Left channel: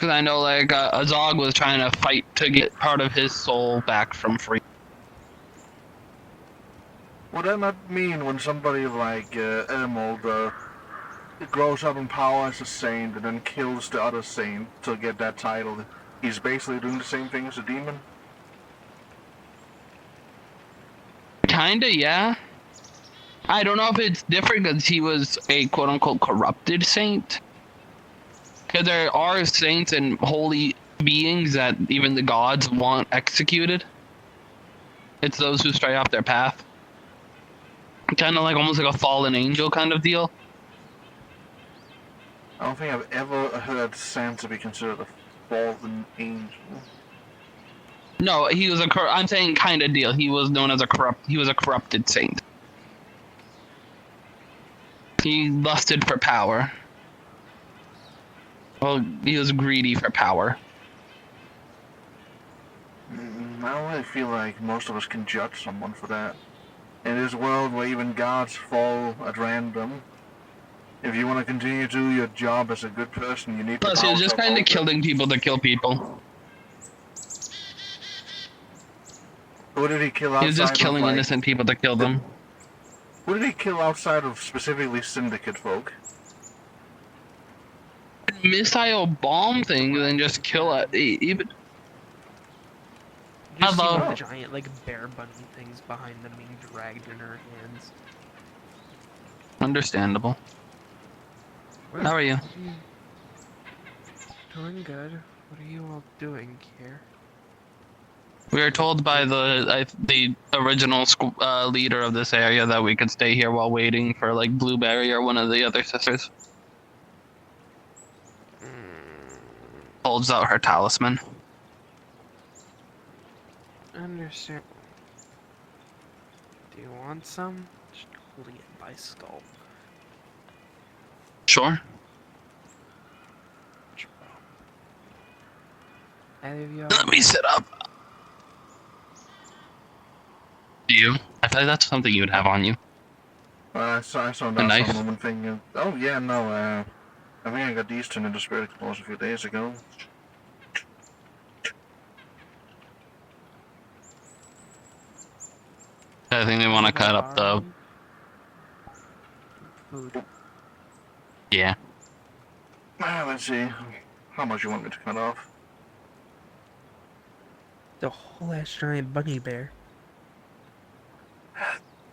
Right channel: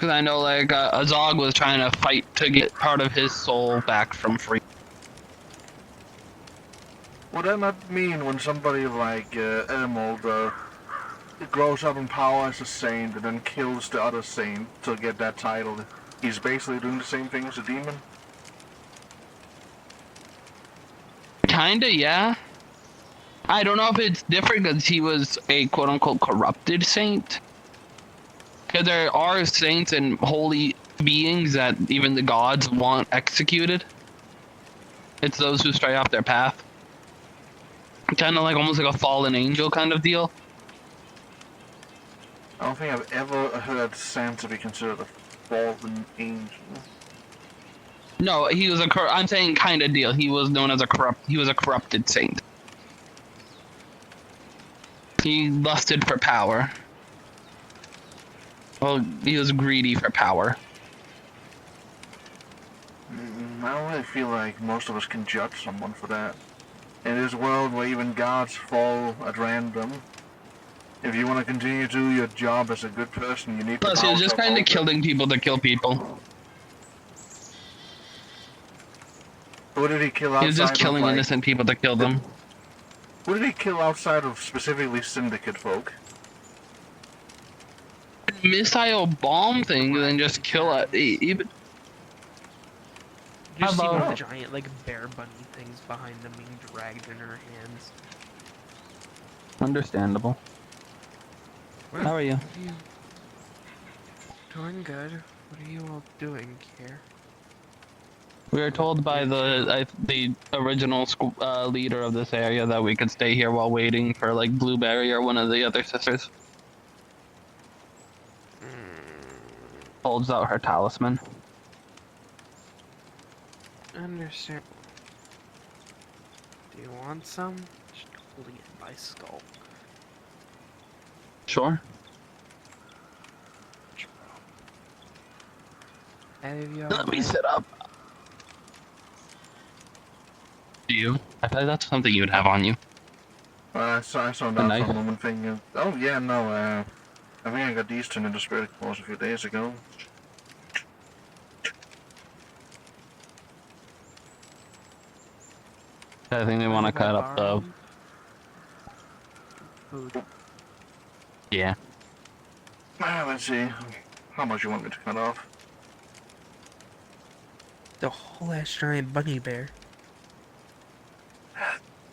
Because I know, like, Azog was trying to fight to get part of his soul back from free. Would that not mean when somebody like Ermold grows up in power as a saint and then kills the other saint to get that title, he's basically doing the same thing as a demon? Kinda, yeah. I don't know if it's different because he was a quote-unquote corrupted saint. Because there are saints and holy beings that even the gods want executed. It's those who stray off their path. Kind of like almost like a fallen angel kind of deal. I don't think I've ever heard Santa be considered a fallen angel. No, he was I'm saying kind of deal. He was known as he was a corrupted saint. He lusted for power. Well, he was greedy for power. I don't really feel like most of us can judge someone for that. In this world where even gods fall at random, if you want to continue to do your job as a good person, you need the Plus, he power was to just kind of uphold it. killing people to kill people. Who did he kill outside He was just killing of, like, innocent people to kill them. Who did he kill outside of specifically Syndicate folk? Missile bomb thing, then just kill it. Even Just see one of Hello. the giant, like, bear bunny things behind them being dragged in her hands. understandable. How are you? Doing good. What are you all doing here? We were told by the original leader of this area that we could stay here while waiting for like Blueberry or one of the other sisters. Holds out her talisman. Understand. Do you want some? Just holding it by skull. Sure. Have you Let me sit up. Do you? I thought that's something you would have on you. I saw that knife? some woman thing. Oh yeah, no, I think I got these turned into spirit claws a few days ago. I think they want to Mind if I cut up borrow the. them? Food. Yeah. Let's see. How much you want me to cut off? The whole ass giant bunny bear.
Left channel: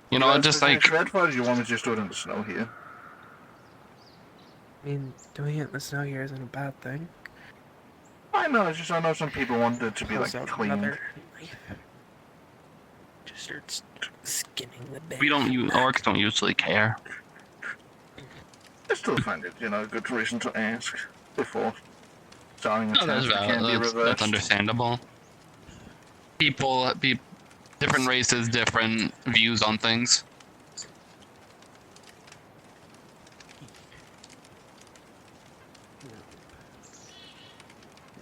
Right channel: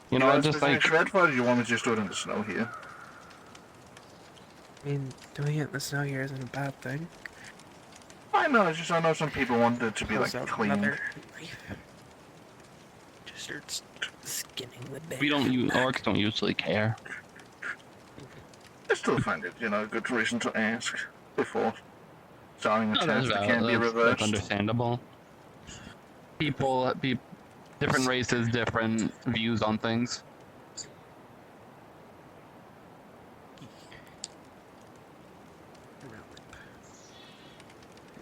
You know, just like. shred for it, or do you want me to just do it in the snow here? I mean, doing it in the snow here isn't a bad thing. I know, it's just I know some people want it to be like Pulls out cleaned. another knife. Just starts skinning the bear. We don't use orcs don't usually care. I still find it, a good reason to ask before starting a No, test that can't be that's reversed. understandable. Different races, different views on things.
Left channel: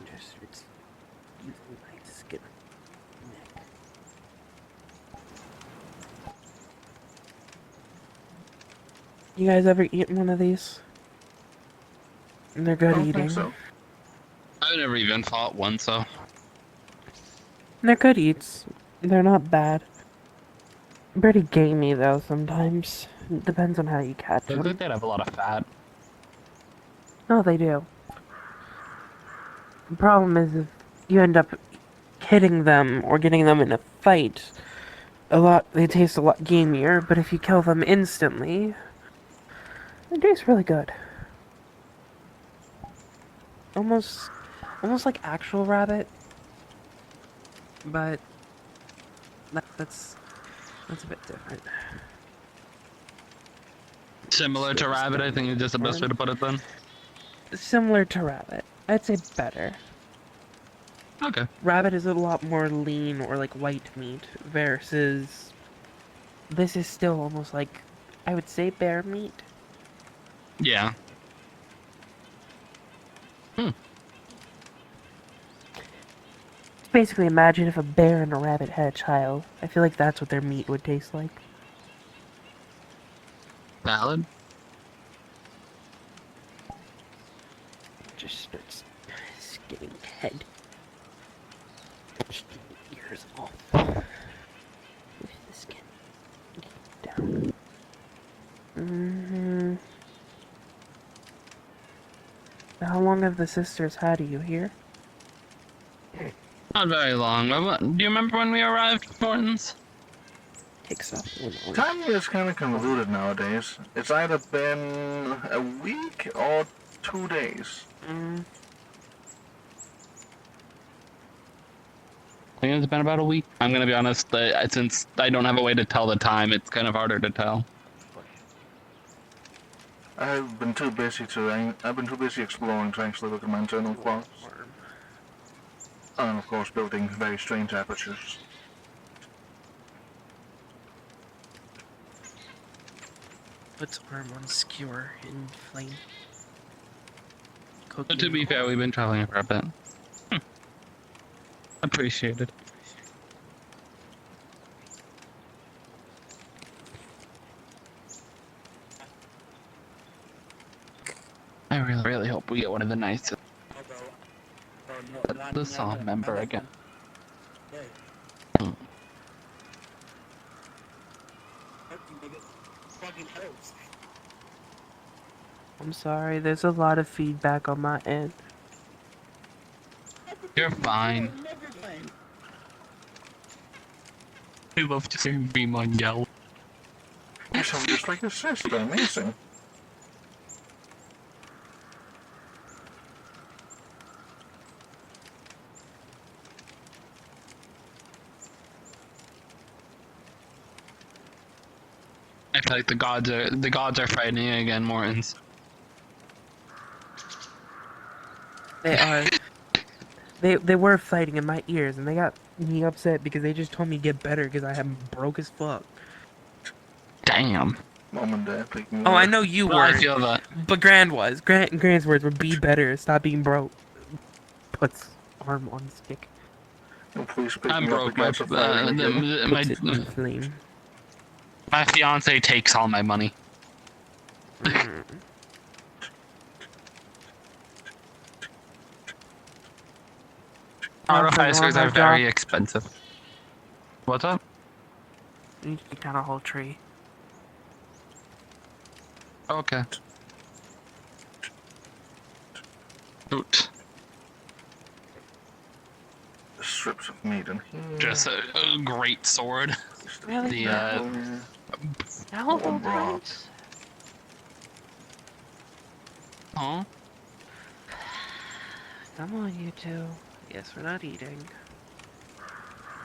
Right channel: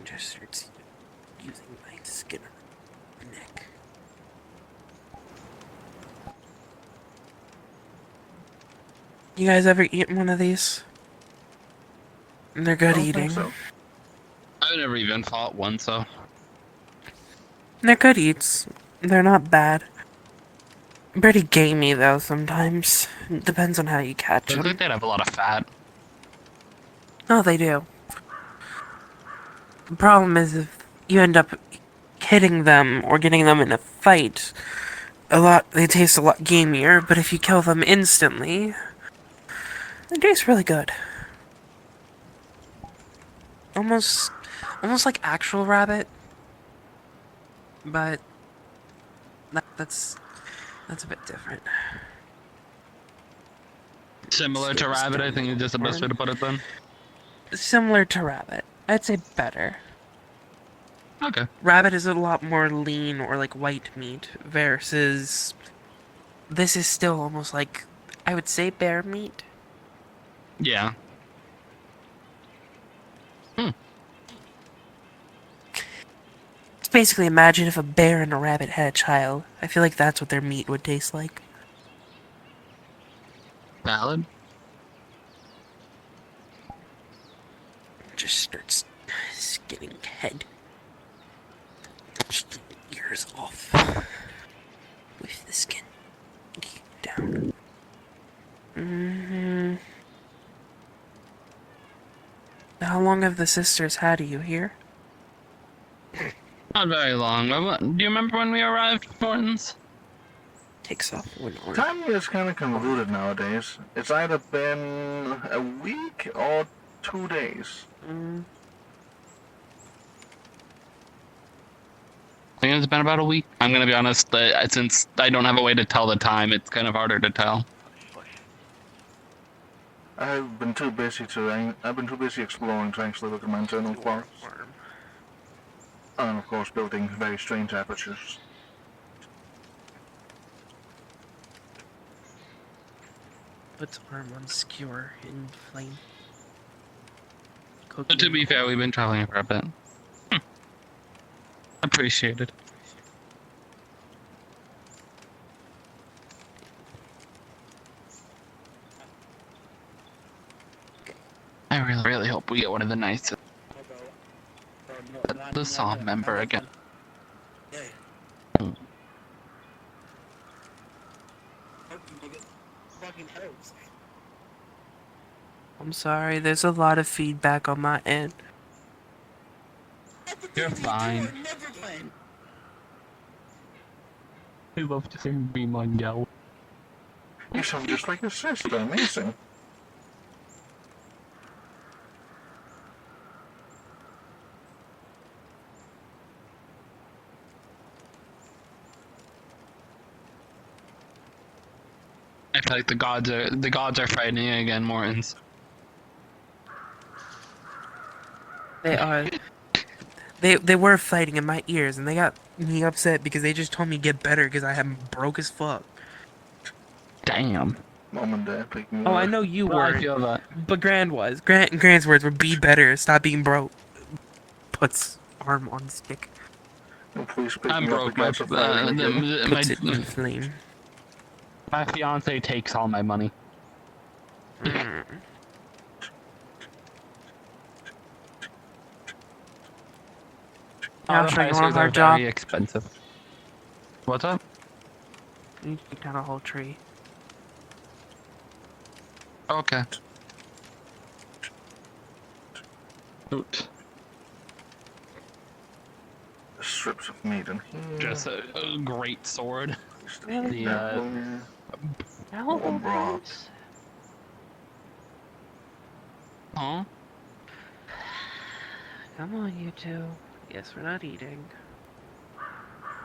Just starts using my skin on the neck. You guys ever eaten one of these? They're good I don't eating. think so. I've never even fought one, so. They're good eats. They're not bad. Pretty gamey though sometimes. Depends on how you catch Looks them. like they'd have a lot of fat. Oh, they do. The problem is if you end up hitting them or getting them in a fight, they taste a lot gamier, but if you kill them instantly, they taste really good. Almost like actual rabbit, but that's a bit different. Similar to rabbit, I think is just the best way to put it then. Similar to rabbit. I'd say better. Okay. Rabbit is a lot more lean or like white meat versus this is still almost like I would say bear meat. Yeah. It's basically imagine if a bear and a rabbit had a child. I feel like that's what their meat would taste like. Valid. Just starts skinning head. Strip the ears off. With the skin. Keep down. How long have the sisters had you here? Not very long. Do you remember when we arrived, Mortons? Takes up Time is kind of convoluted nowadays. It's either been a week or 2 days. I think it's been about a week. I'm gonna be honest, since I don't have a way to tell the time, it's kind of harder to tell. I've been too busy exploring to actually look at my internal clocks. And of course building very strange apertures. Puts arm on skewer in flame. But to be fair, we've been traveling for a bit. Appreciated. I really hope we get one of the nights. The song member again. I'm sorry, there's a lot of feedback on my end. You're fine. I love to hear Beamon yell. You sound just like your sister, amazing. I feel like the gods are fighting again, Mortons. They are. They were fighting in my ears, and they got me upset because they just told me get better because I am broke as fuck. Damn. Mom and Dad picking me Oh, up. I know you Well, I weren't, feel that. but Grand was. Grand's words were be better, stop being broke. Puts arm on stick. Oh, please pick I'm me broke. up against the fire again. Puts it in flame. My fiance takes all my money. Artificers are very expensive. What's up? You took down a whole tree. Okay. Oot. Strips of meat in here. Just a great sword. Really? The Warm broth. Huh? Come on, you two. Guess we're not eating.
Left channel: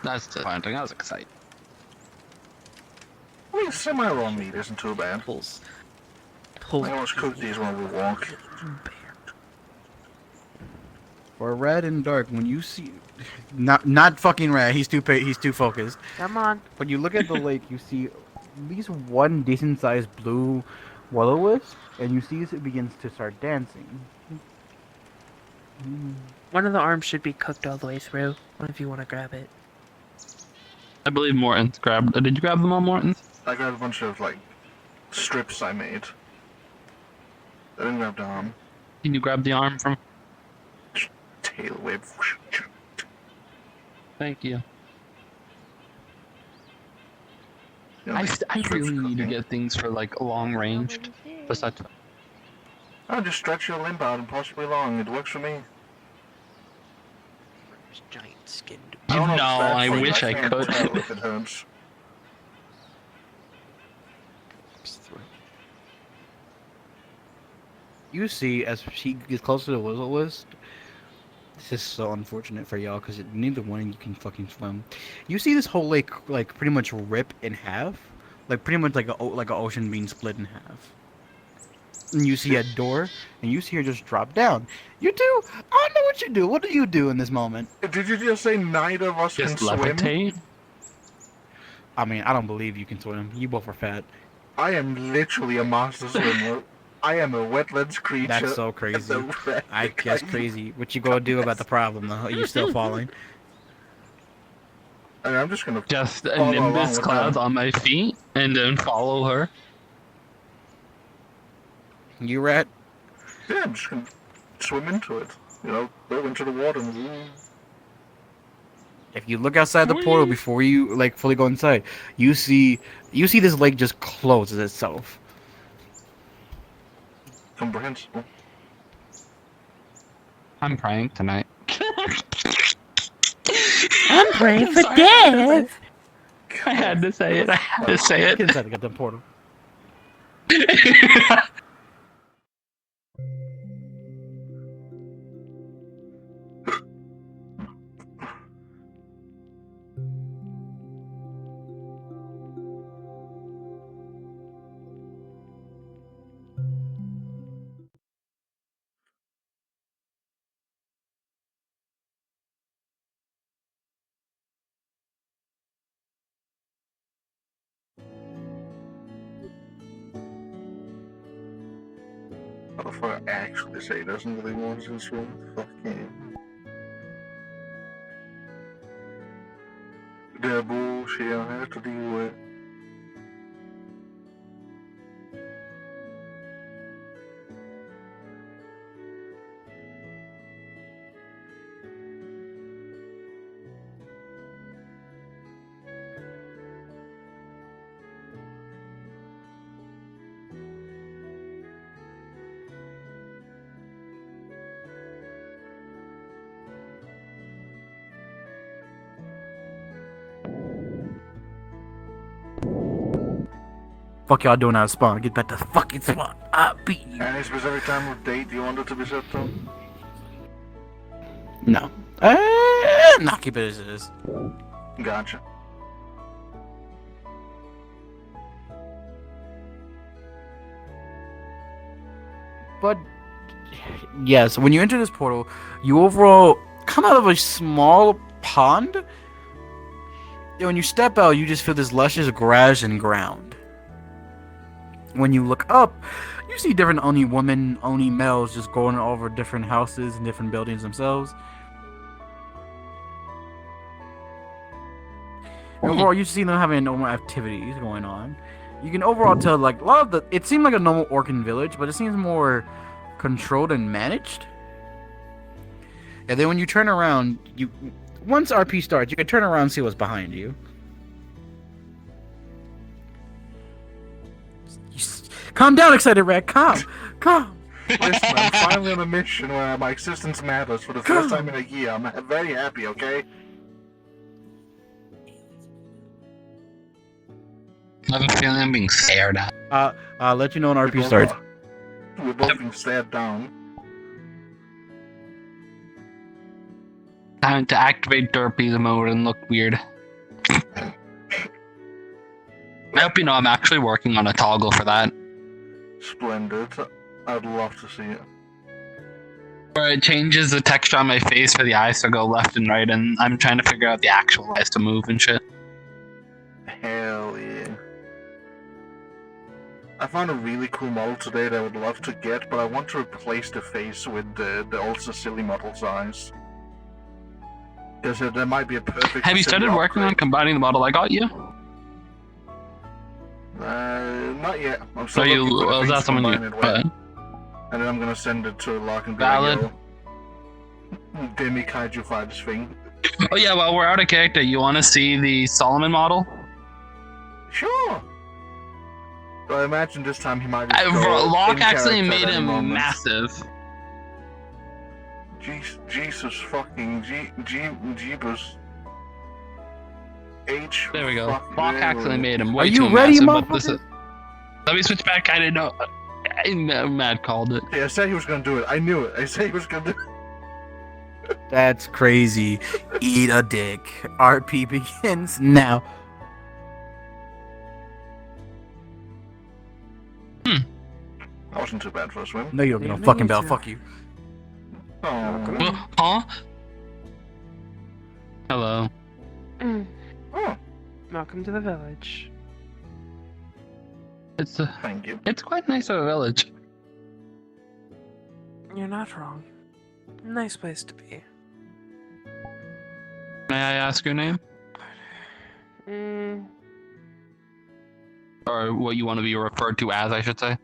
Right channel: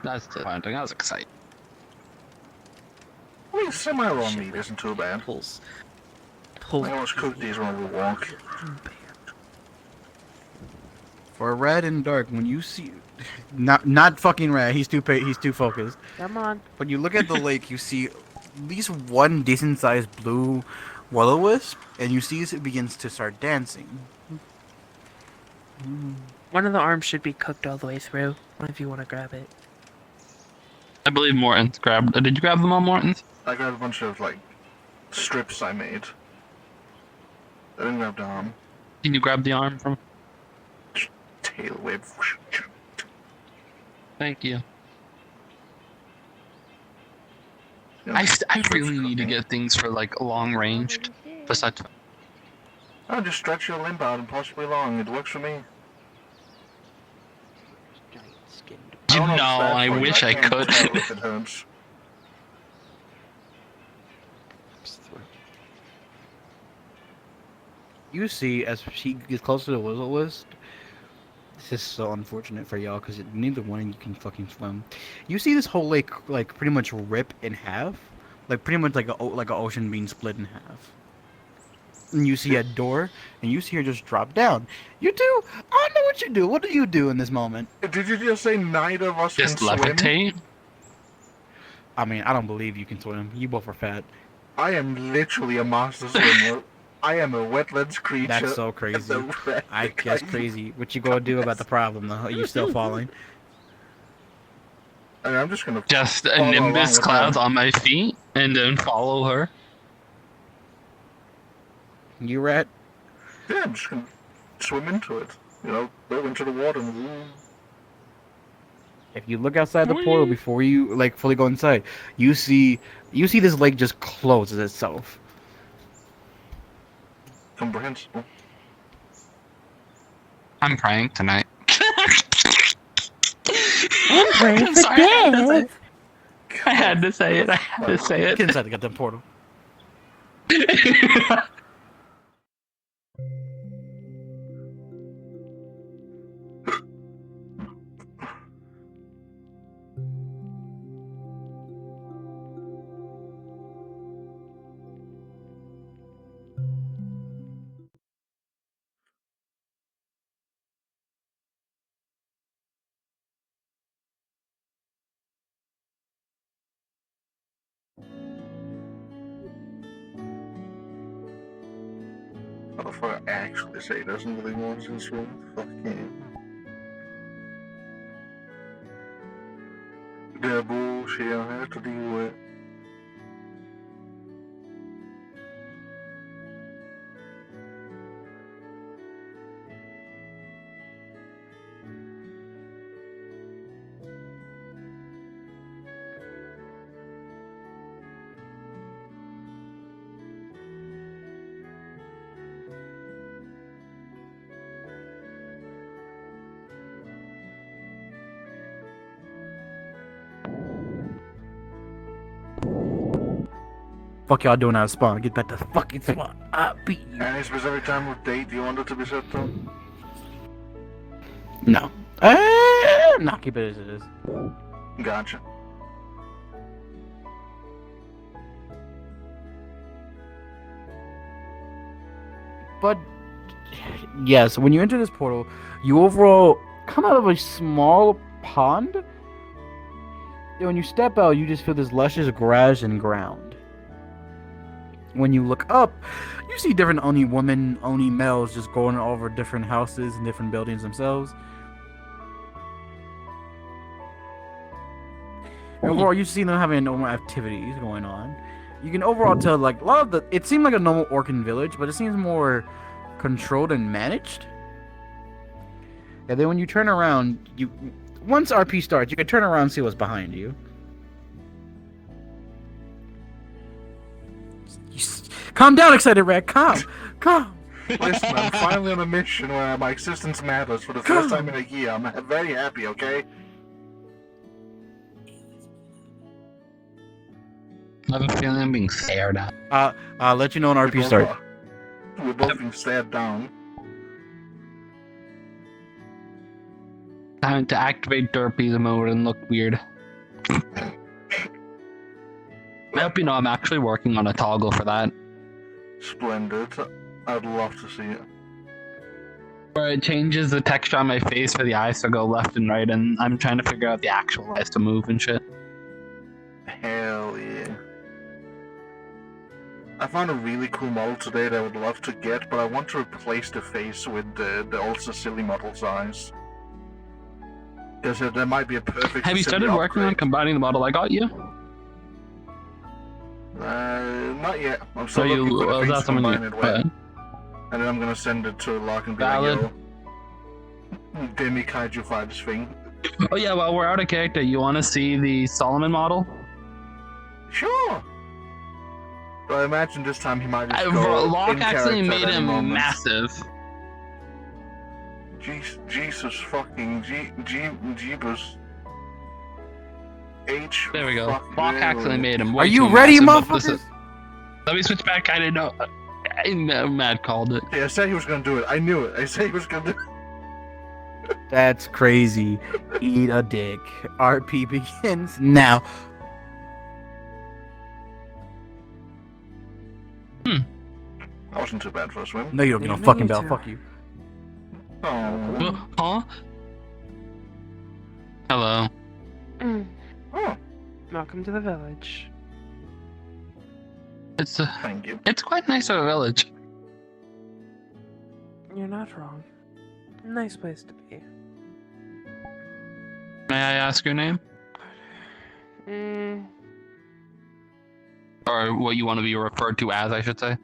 That's disappointing. I was excited. I mean, semi-raw meat isn't too bad. Pulls. I always cook these when we walk. For red and dark, when you see, not fucking red, he's too focused. Come on. When you look at the lake, you see at least one decent-sized blue will-o-wisp, and you see as it begins to start dancing. One of the arms should be cooked all the way through, if you want to grab it. I believe Morton's grabbed. Did you grab them all, Morton's? I got a bunch of, like, strips I made. I didn't grab the arm. Can you grab the arm from? Tail whip. Thank you. Yeah, I really need to cooking. get things for like long ranged. Besides, I'll just stretch your limb out and possibly long. It works for me. Giant skinned. I don't know if it's bad I for you. wish I can't could. tell if it hurts. You see, as she gets closer to the will-o-wisp, this is so unfortunate for y'all, because neither one of you can fucking swim. You see this whole lake, like, pretty much rip in half. Like, pretty much like a ocean being split in half. And you see a door, and you see her just drop down. You two, I don't know what you do. What do you do in this moment? Did you just say neither of us just can swim? levitate. I mean, I don't believe you can swim. You both are fat. I am literally a master swimmer. I am a wetlands creature. That's so crazy. That's crazy. What you gonna do about the problem, though? Are you still falling? I mean, I'm just gonna Just a follow along nimbus with clouds them. on my feet, and then follow her. You rat? Yeah, I'm just gonna swim into it. Go into the water and If you look outside the portal before you like fully go inside, you see this lake just closes itself. comprehensible. I'm praying tonight. I'm praying for Sorry, death. I had to say it. I had to say Get it. inside the goddamn portal. Motherfucker actually say he doesn't really want this one. Fuck him. The bullshit I have to deal with. Fuck y'all doing out of spawn. Get back to fucking spawn. I'll beat you. Any specific time of date you want it to be set to? No. Nah, keep it as it is. Gotcha. But yes, when you enter this portal, you overall come out of a small pond. And when you step out, you just feel this luscious grass and ground. When you look up, you see different Oni women, Oni males just going over different houses and different buildings themselves. And overall, you see them having normal activities going on. You can overall tell, like, a lot of it seemed like a normal Orcan village, but it seems more controlled and managed. And then when you turn around, once RP starts, you can turn around and see what's behind you. Calm down, excited rat. Calm. Listen, I'm finally on a mission where my existence matters for the first time in a year. I'm very happy, okay? I have a feeling I'm being stared at. I'll let you know when RP starts. We're both being stared down. Time to activate Derpy's mode and look weird. I hope you know I'm actually working on a toggle for that. Splendid. I'd love to see it. Where it changes the texture on my face for the eyes to go left and right, and I'm trying to figure out the actual eyes to move and shit. Hell yeah. I found a really cool model today that I would love to get, but I want to replace the face with the old Cecily model's eyes. Because there might be a perfect. Have you Cecily started working on upgrade. combining the model I got you? Not yet. I'm So still looking for the is things that to something combine you... it with. And then I'm gonna send it to Lark and be Valid. like, yo, Demi Kaiju Fighters thing. Oh yeah, while we're out of character, you want to see the Solomon model? Sure! But I imagine this time he might just go Locke in actually character made at any him moment. massive. Jesus fucking Jeebus. There we go. fucking Locke actually made him way Are you too ready, massive, but this motherfuckers? is... Let me switch back, I didn't know. Mad called it. Yeah, I said he was gonna do it. I knew it. I said he was gonna do it. That's crazy. Eat a dick. RP begins now. That wasn't too bad for a swim. No, you don't get no Yeah, fucking me bell. too. Fuck you. Oh. Huh? Hello. Oh, Welcome to the village. thank you. It's quite nice of a village. You're not wrong. Nice place to be. May I ask your name? Mm, Or what you want to be referred to as, I should say.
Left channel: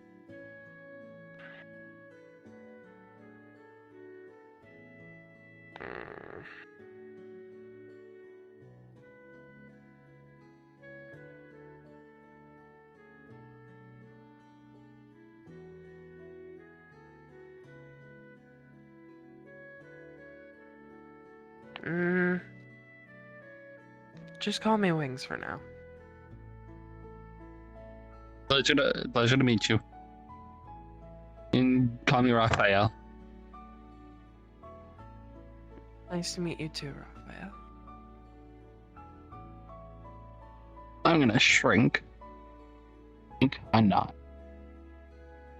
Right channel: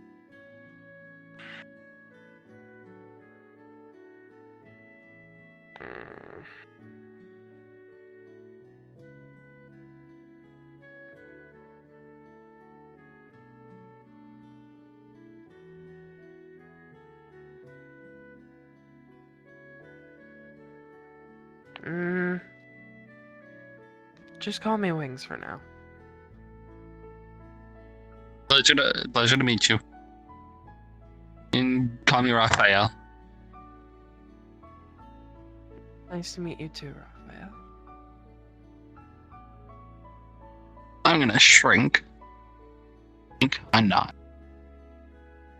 Just call me Wings for now. Pleasure to meet you. And call me Raphael. Nice to meet you too, Raphael. I'm gonna shrink. I'm not.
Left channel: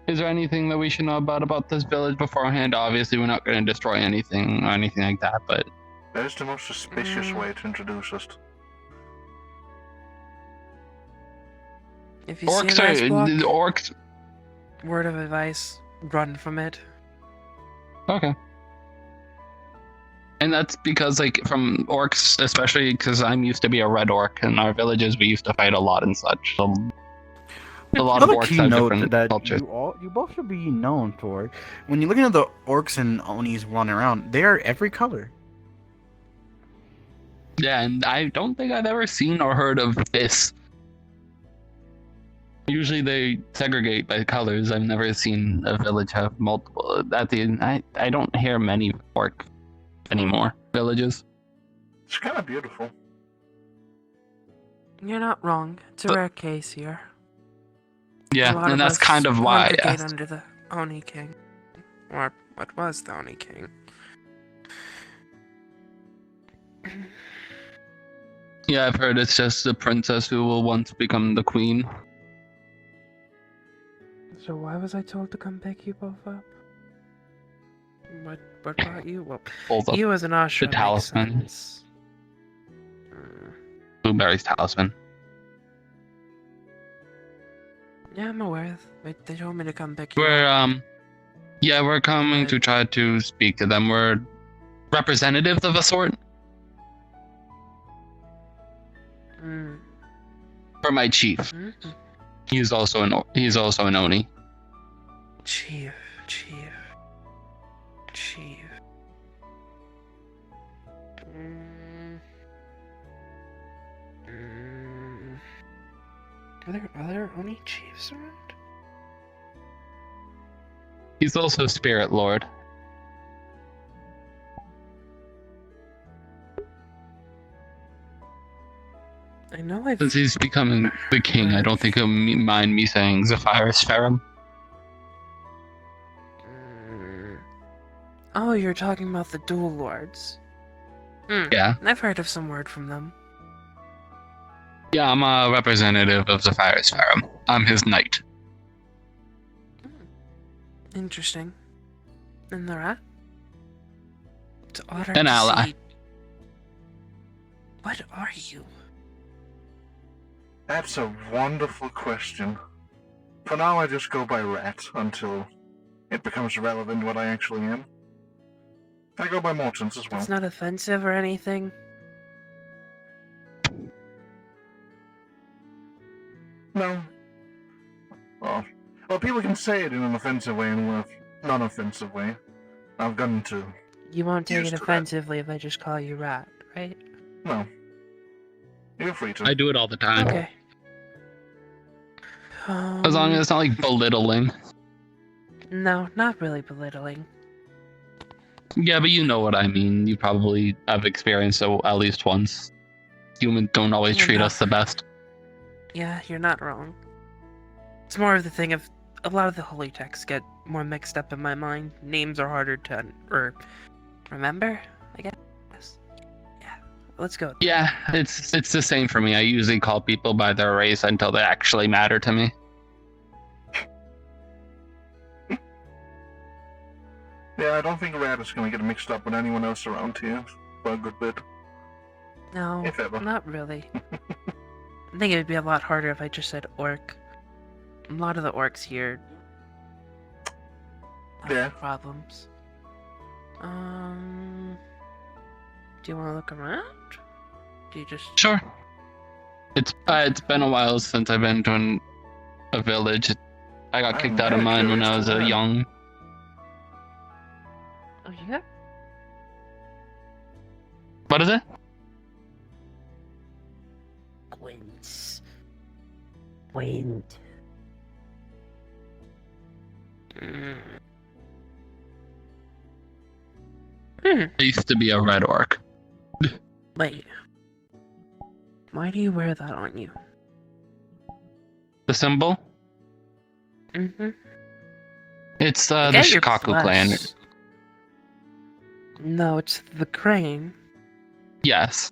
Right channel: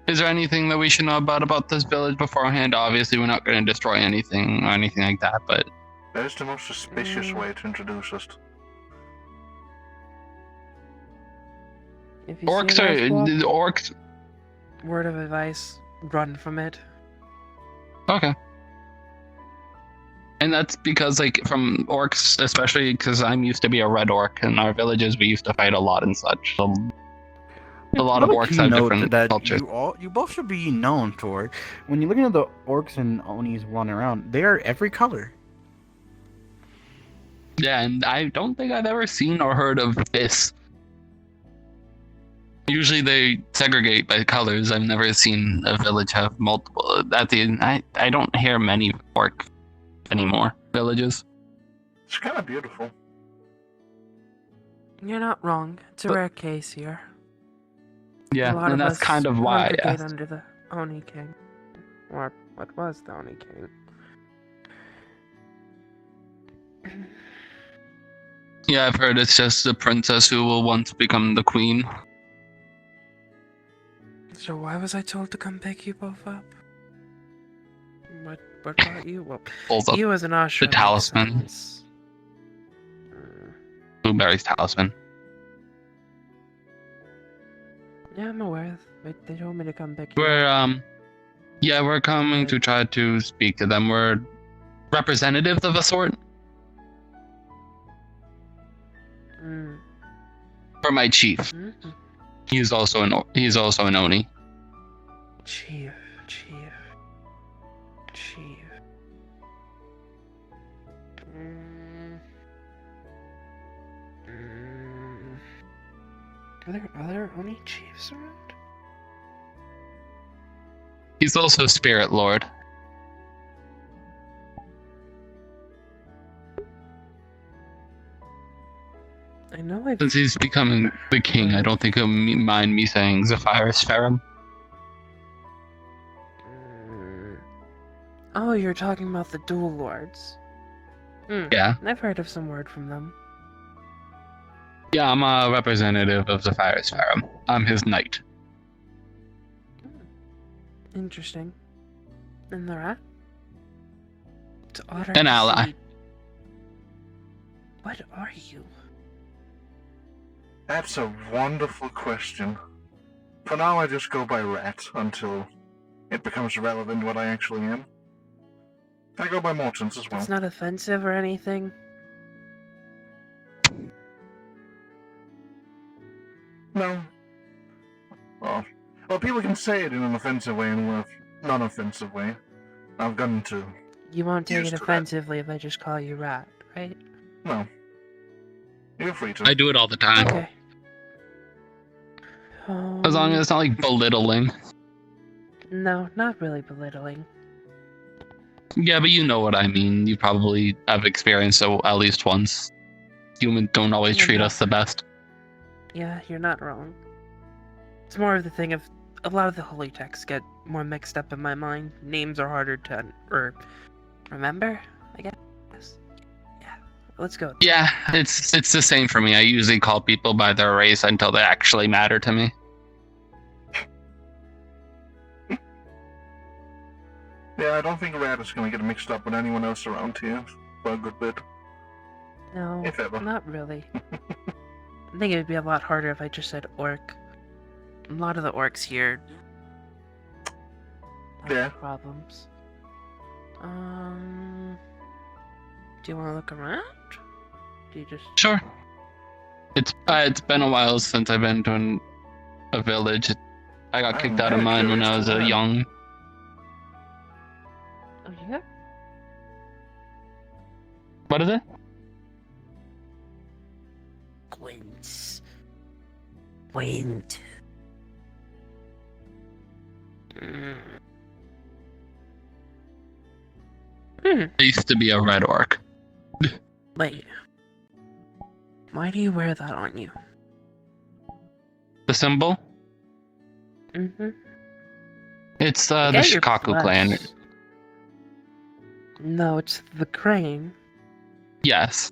Is there anything that we should know about this village beforehand? Obviously, we're not going to destroy anything or anything like that, but... That is the most suspicious way to introduce us. If you Orcs see an ice block, orcs... word of advice, run from it. Okay. And that's because, like, from orcs, especially because I'm used to be a red orc, in our villages we used to fight a lot and such. So a lot of Another orcs key have note different that cultures. you both should be known for. When you're looking at the orcs and onis running around, they are every color. Yeah, and I don't think I've ever seen or heard of this. Usually they segregate by colors. I've never seen a village have multiple. I don't hear many orc anymore villages. It's kind of beautiful. You're not wrong. It's a rare case here. Yeah, A lot and of that's us kind of why I congregate asked. under the Oni King. Or what was the Oni King. Yeah, I've heard it's just the princess who will once become the queen. So why was I told to come pick you both up? What brought you? Well, Pulls up you as an Ashra the makes talisman. sense. Blueberry's talisman. Yeah, I'm aware. They told me to come pick you up. We're coming to try to speak to them. We're representatives of a sort Mm. for my chief. Mm-hmm. He's also an Oni. Chief. Are there other Oni chiefs around? He's also Spirit Lord. I know I've... Since he's becoming the king, I don't think he'll mind me saying Zephyrus Ferrum. Oh, you're talking about the Dual Lords. Yeah. I've heard of some word from them. Yeah, I'm a representative of Zephyrus Ferrum. I'm his knight. Interesting. And the rat? It's otter An to ally. see. What are you? That's a wonderful question. For now, I just go by Rat until it becomes relevant what I actually am. I go by Mortons as well. It's not offensive or anything. No. Well, people can say it in an offensive way and a non-offensive way. I've gotten to. You won't take Used it to that. offensively if I just call you rat, right? No. You're free to. I do it all the time. Okay. As long as it's not like belittling. No, not really belittling. Yeah, but you know what I mean. You probably have experienced it at least once. Humans don't always treat us the best. Yeah, you're not wrong. It's more of the thing of a lot of the holy texts get more mixed up in my mind. Names are harder to remember, I guess. Yeah, let's go. Yeah, it's the same for me. I usually call people by their race until they actually matter to me. Yeah, I don't think Rat is going to get mixed up with anyone else around here for a good bit. No, If ever. not really. I think it would be a lot harder if I just said orc. A lot of the orcs here have Yeah. problems. Do you want to look around? Do you just... Sure. It's been a while since I've been to a village. I got I'm kicked out of very mine when I curious was to learn. young. Oh, yeah? What is it? Wind. I used to be a red orc. Wait. Why do you wear that on you? The symbol? Mm-hmm. It's I the get you're Shikaku clan. blessed. No, it's the crane. Yes.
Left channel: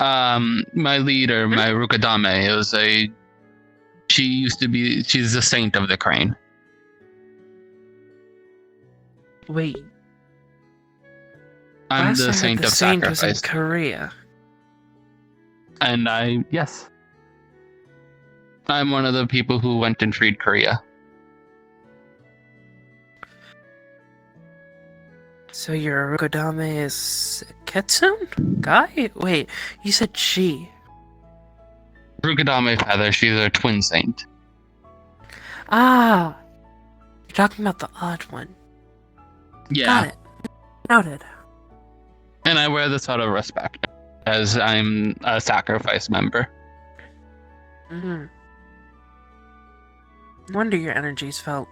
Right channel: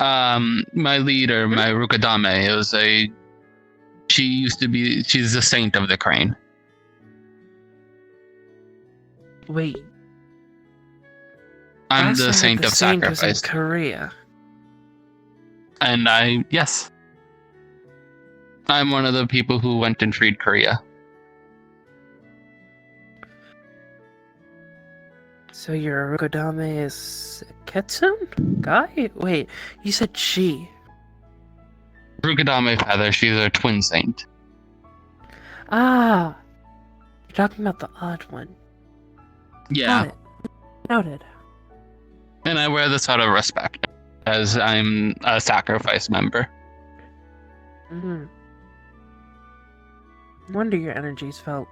My leader, my Rukadame, she's the saint of the crane. Wait, I'm last the I heard saint the of saint was in sacrifice. Korea. And yes. I'm one of the people who went and freed Korea. So your Rokodame is a Kitsune guy? Wait, you said she. Rukadame Feather, she's a twin saint. Ah, you're talking about the odd one. Yeah. Got it. Noted. And I wear this out of respect, as I'm a sacrifice member. Mm-hmm. No wonder your energies felt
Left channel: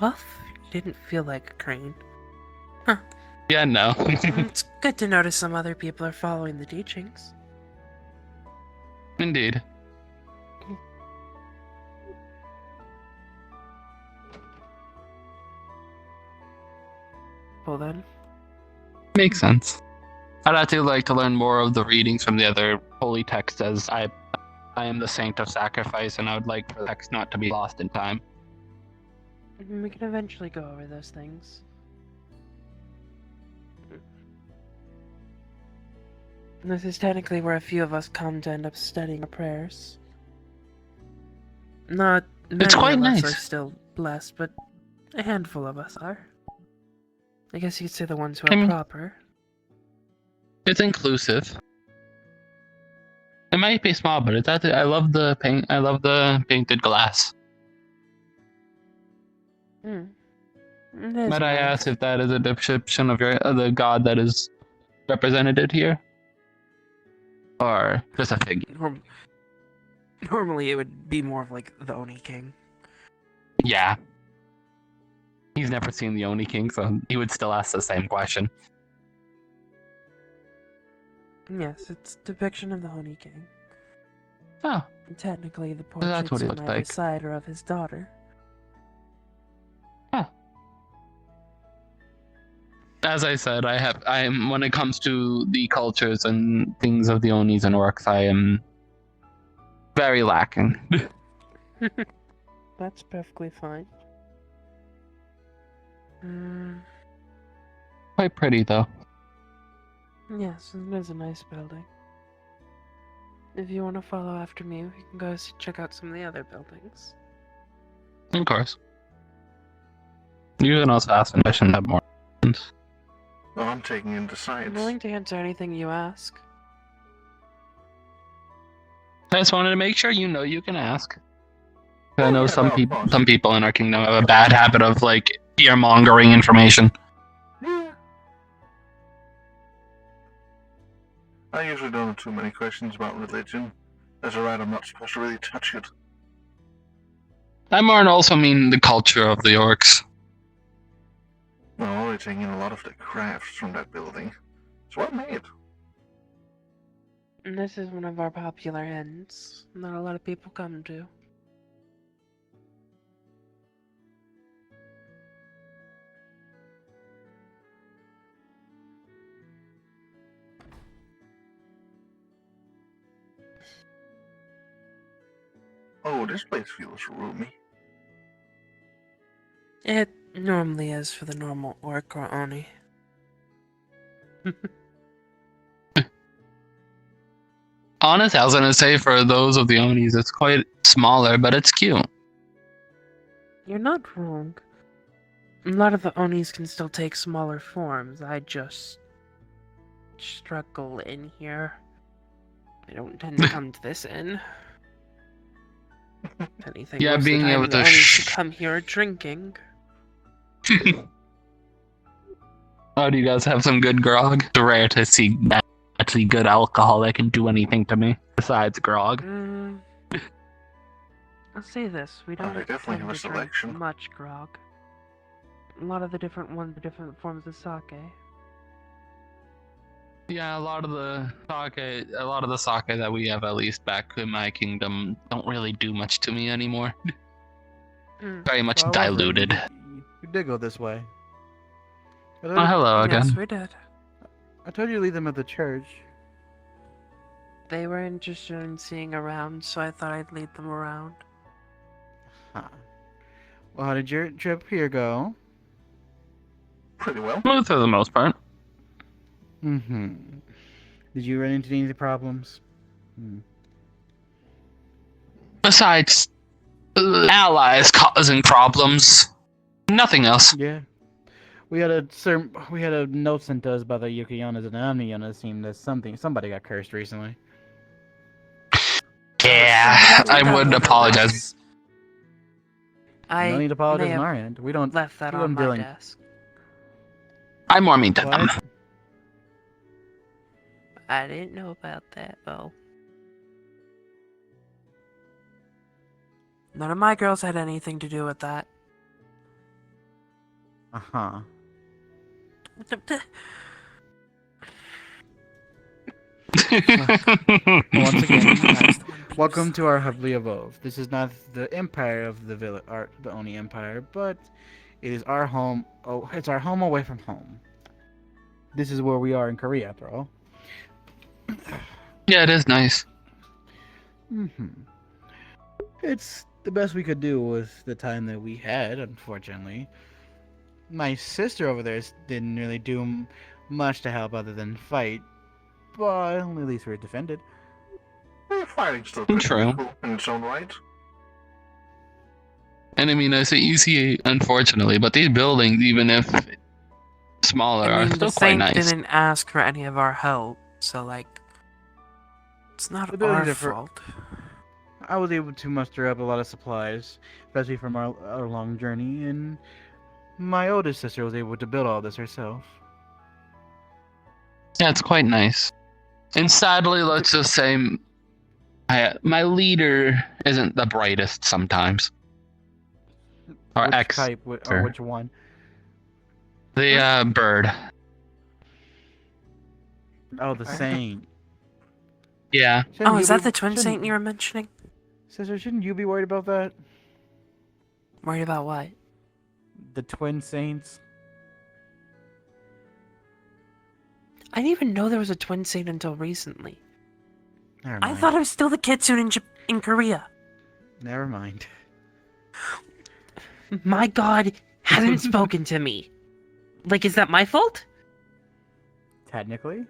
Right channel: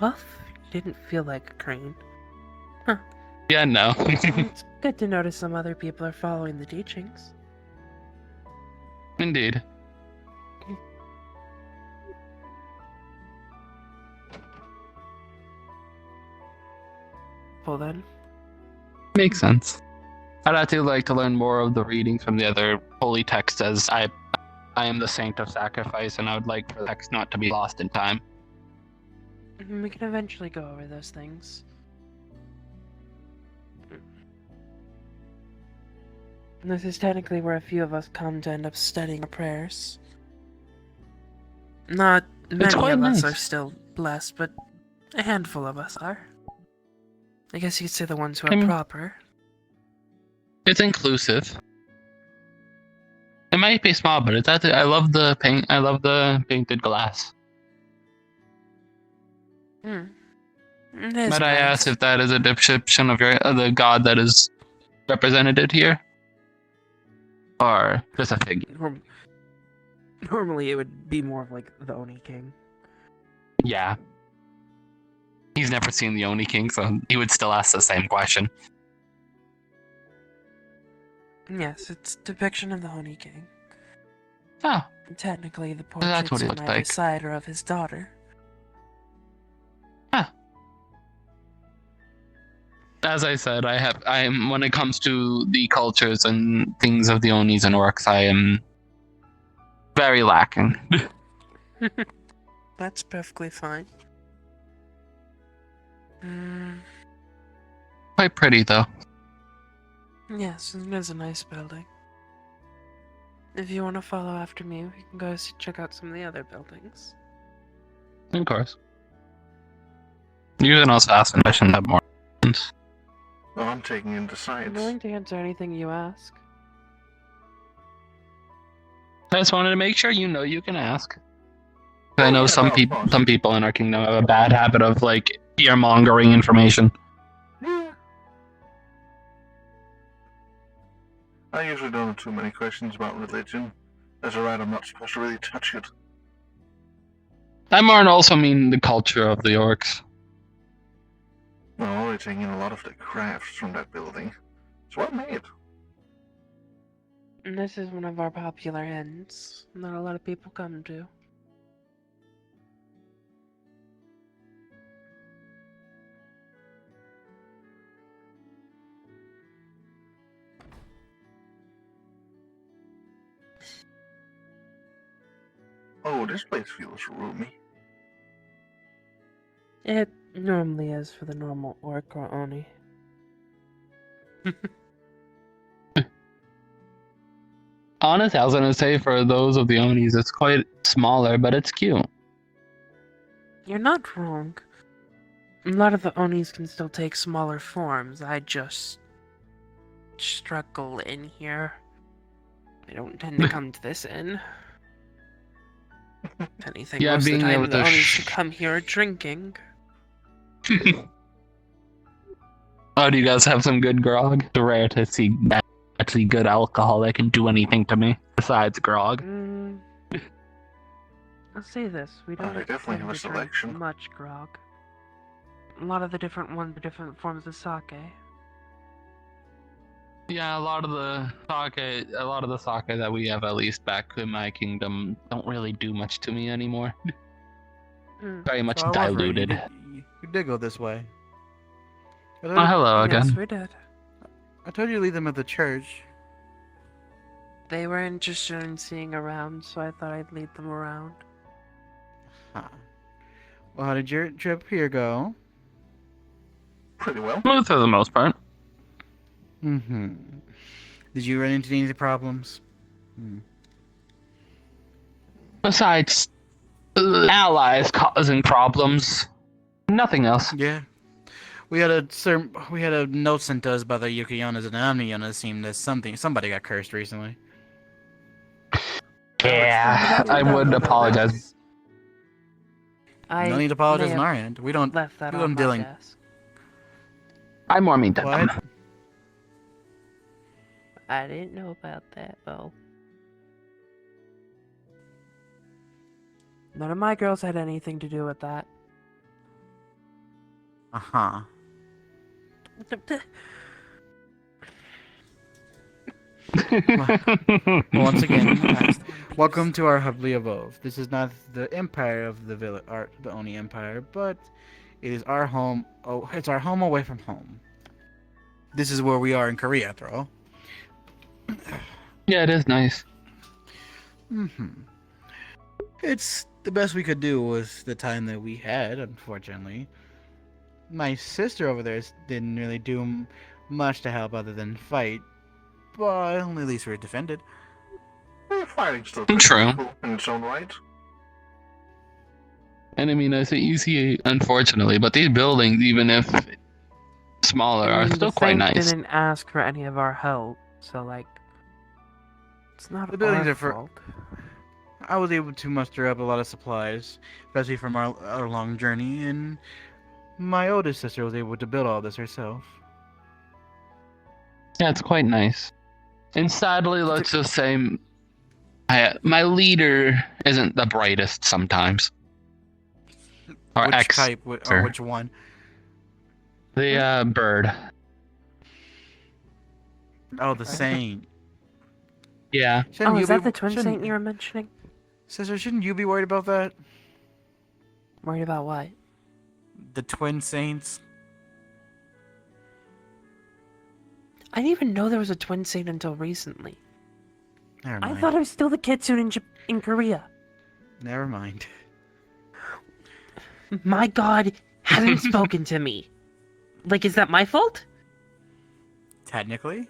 off. You didn't feel like a crane. Yeah, no. Well, it's good to notice some other people are following the teachings. Indeed. Well then, Makes sense. I'd actually like to learn more of the readings from the other holy texts, as I am the saint of sacrifice, and I would like for the text not to be lost in time. we can eventually go over those things. And this is technically where a few of us come to end up studying our prayers. Not many quite of us nice. are still blessed, but a handful of us are. I guess you could say the ones who are proper. It's inclusive. It might be small, but it's actually, I love the paint. I love the painted glass. It is But I nice. ask if that is a description of the god that is represented here, or just a figure. Normally, it would be more of like the Oni King. Yeah. He's never seen the Oni King, so he would still ask the same question. Yes, it's a depiction of the Oni King. Oh, Technically, the That's portraits what he on looked either like. side are of his daughter. as I said, I am when it comes to the cultures and things of the Onis and Orcs, I am very lacking. That's perfectly fine. Quite pretty though. Yes, it is a nice building. If you want to follow after me, we can go check out some of the other buildings. Of course. You can also ask a question that more. Well, I'm taking into I'm science. willing to answer anything you ask. I just wanted to make sure you can ask. I Oh, know yeah, some no, of people course. some people in our kingdom have a bad habit of like fear-mongering information. Yeah. I usually don't have too many questions about religion. As a right, I'm not supposed to really touch it. I more also mean the culture of the Orcs. I'm already taking in a lot of the crafts from that building. It's well made. And this is one of our popular inns that a lot of people come to. Oh, this place feels roomy. It normally is for the normal orc or oni. Honestly, I was gonna say for those of the Onis, it's quite smaller, but it's cute. You're not wrong. A lot of the onis can still take smaller forms. I just struggle in here. I don't tend to come to this inn. If anything, Yeah, most of the being time able the to onis who come here are drinking. Oh, do you guys have some good grog? It's rare to see actually good alcohol that can do anything to me besides grog. I'll say this: we don't they definitely tend have a to drink selection. much grog. A lot of the different ones are different forms of sake. Yeah, a lot of the sake that we have, at least back in my kingdom, don't really do much to me anymore. Very much So I was right. diluted. You did go this way. Oh, hello Yes, again. we did. I told you to leave them at the church. They were interested in seeing around, so I thought I'd lead them around. Huh. Well, how did your trip here go? Pretty well. Smooth for the most part. Mm-hmm. Did you run into any problems? Besides allies causing problems, nothing else. Yeah. We had a note sent to us by the Yukiyonas and Omniyonas seemed that somebody got cursed recently. Yeah, I would That's apologize. I No need to apologize may on have our end. We don't left that we on don't my dealing. desk. I'm more mean to What? them. I didn't know about that, though. None of my girls had anything to do with that. Uh-huh. Once again, welcome to our Humbly Abode. This is not the empire of the village, the Oni Empire, but it is our home. Oh, it's our home away from home. This is where we are in Korea, after all. Yeah, it is nice. It's the best we could do with the time that we had, unfortunately. My sister over there didn't really do much to help other than fight, but at least we were defended. Fighting's still pretty True. cool in its own right. And I mean, I say easy, unfortunately, but these buildings, even if smaller, I are mean, still the quite Saint nice. didn't ask for any of our help, so like, it's not The buildings our are for- fault. I was able to muster up a lot of supplies, especially from our long journey, and my oldest sister was able to build all this herself. Yeah, it's quite nice. And sadly, let's just say, my leader isn't the brightest sometimes. Or Which ex, type, or sir. which one? the bird. Oh, the Saint. Yeah. Oh, is that the twin saint you were mentioning? Sister, shouldn't you be worried about that? Worried about what? The twin saints? I didn't even know there was a twin saint until recently. Never I mind. thought it was still the kitsune in Korea. Never mind. My god hasn't spoken to me. Like, is that my fault? Technically?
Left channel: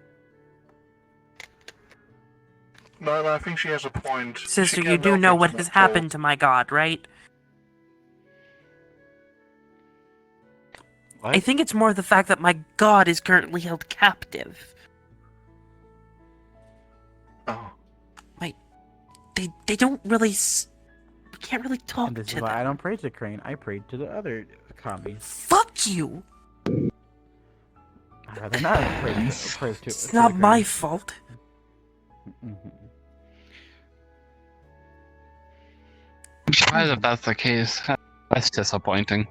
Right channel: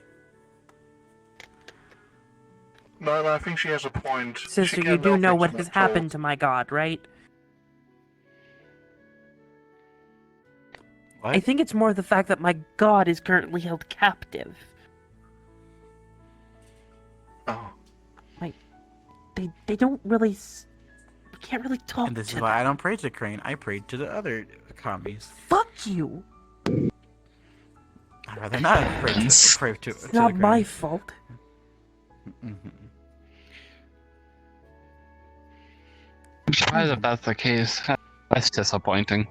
No, I think she has a point. She Sister, you can't do know things what not has told. happened to my god, right? What? I think it's more the fact that my god is currently held captive. Oh. They don't really... You can't really talk And this to is why them. I don't pray to Crane. I pray to the other commies. Fuck you! I'd rather not pray to It's not the my Crane. fault. Mhm. I'm surprised if that's the case. That's disappointing.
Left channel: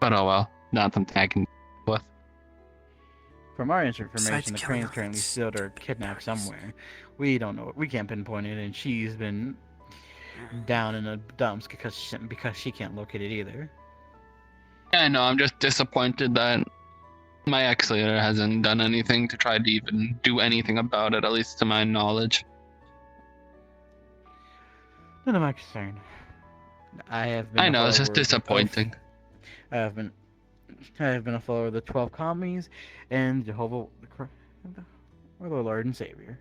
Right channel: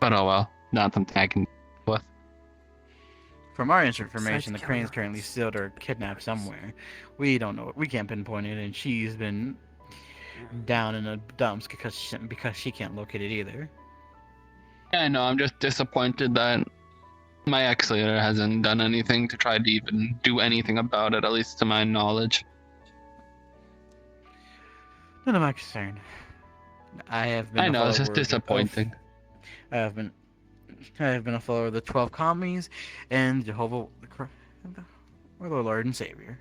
But oh well. Not something I can deal with. From our information, Besides the killing Crane's currently us. sealed or kidnapped somewhere. We don't know. We can't pinpoint it, and she's been down in the dumps because she can't locate it either. Yeah, no, I'm just disappointed that my ex-leader hasn't done anything to try to even do anything about it, at least to my knowledge. None of my concern. I have been. I a know, it's just follower of- disappointing. I have been a follower of the 12 commies and Jehovah, our Lord and Savior.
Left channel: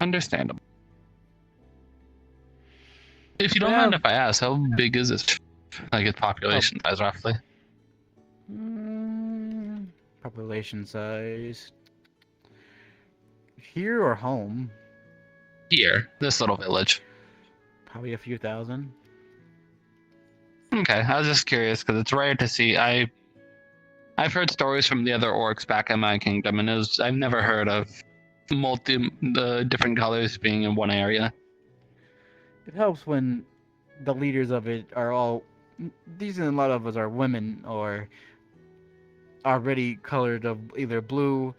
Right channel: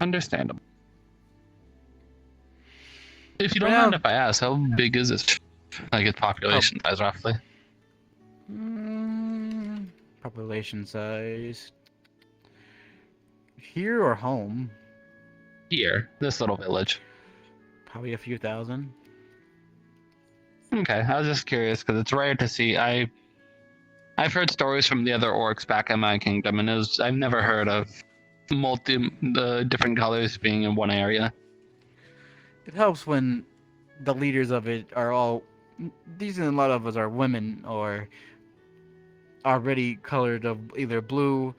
Understandable. If you don't Well- mind if I ask, how big is this? Like its population size, roughly? Population size. Here or home? Here, this little village. Probably a few thousand. Okay, I was just curious because it's rare to see. I've heard stories from the other orcs back in my kingdom, and I've never heard of the different colors being in one area. It helps when the leaders of it are all. These and a lot of us are women or already colored of either blue,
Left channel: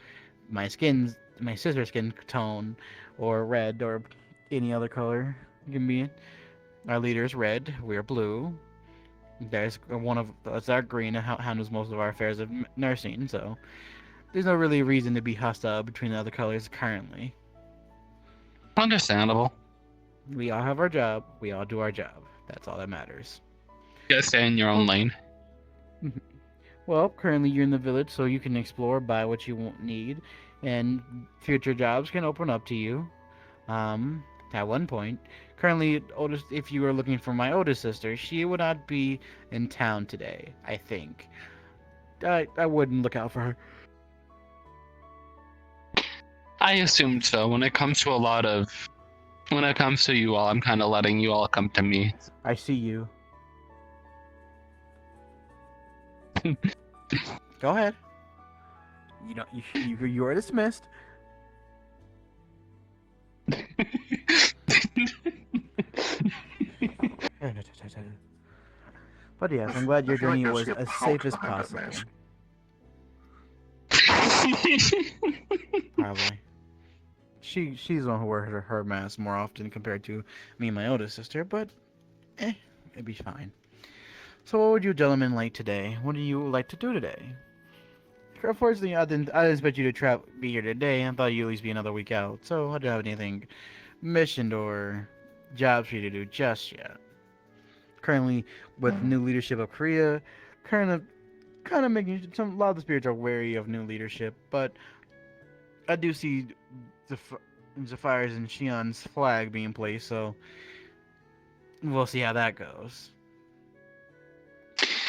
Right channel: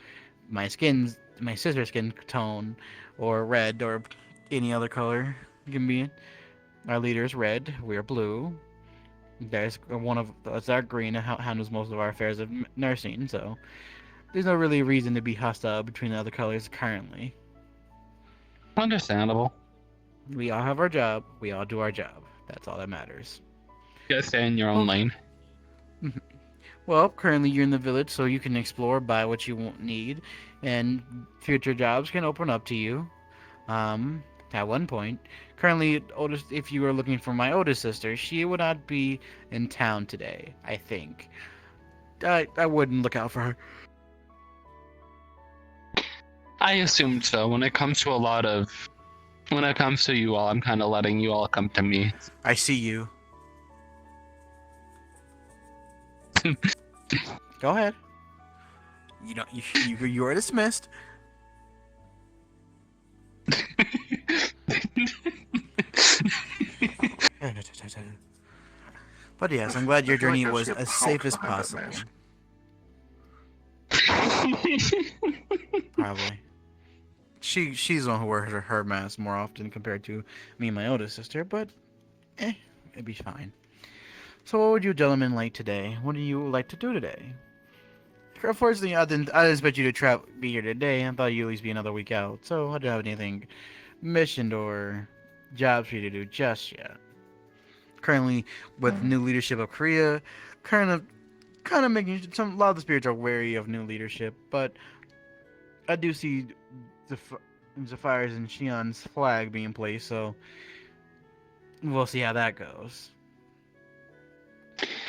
my sister's skin tone, or red, or any other color. Give me our leader is red. We're blue. There's it's our green that handles most of our affairs of nursing. So there's no really reason to be hostile between the other colors currently. Understandable. We all have our job. We all do our job. That's all that matters. You guys stay in your own lane. Well, currently you're in the village, so you can explore, buy what you need, and future jobs can open up to you. At one point, currently, if you were looking for my oldest sister, she would not be in town today. I think. I wouldn't look out for her. I assumed so. When it comes to you all, I'm kind of letting you all come to me. I see you. Go ahead. You are dismissed. But yes, I'm glad your journey was as safe as possible. Probably. She's the one who wears her mask more often compared to me and my oldest sister, but it'd be fine. So what would you gentlemen like today? What do you like to do today? Unfortunately, I didn't expect you to be here today. I thought you'd at least be another week out, so I don't have anything missioned or jobs for you to do just yet. Currently, with new leadership of Korea, kind of making a lot of the spirits are wary of new leadership, but I do see Zephyr's and Shion's flag being placed, so we'll see how that goes.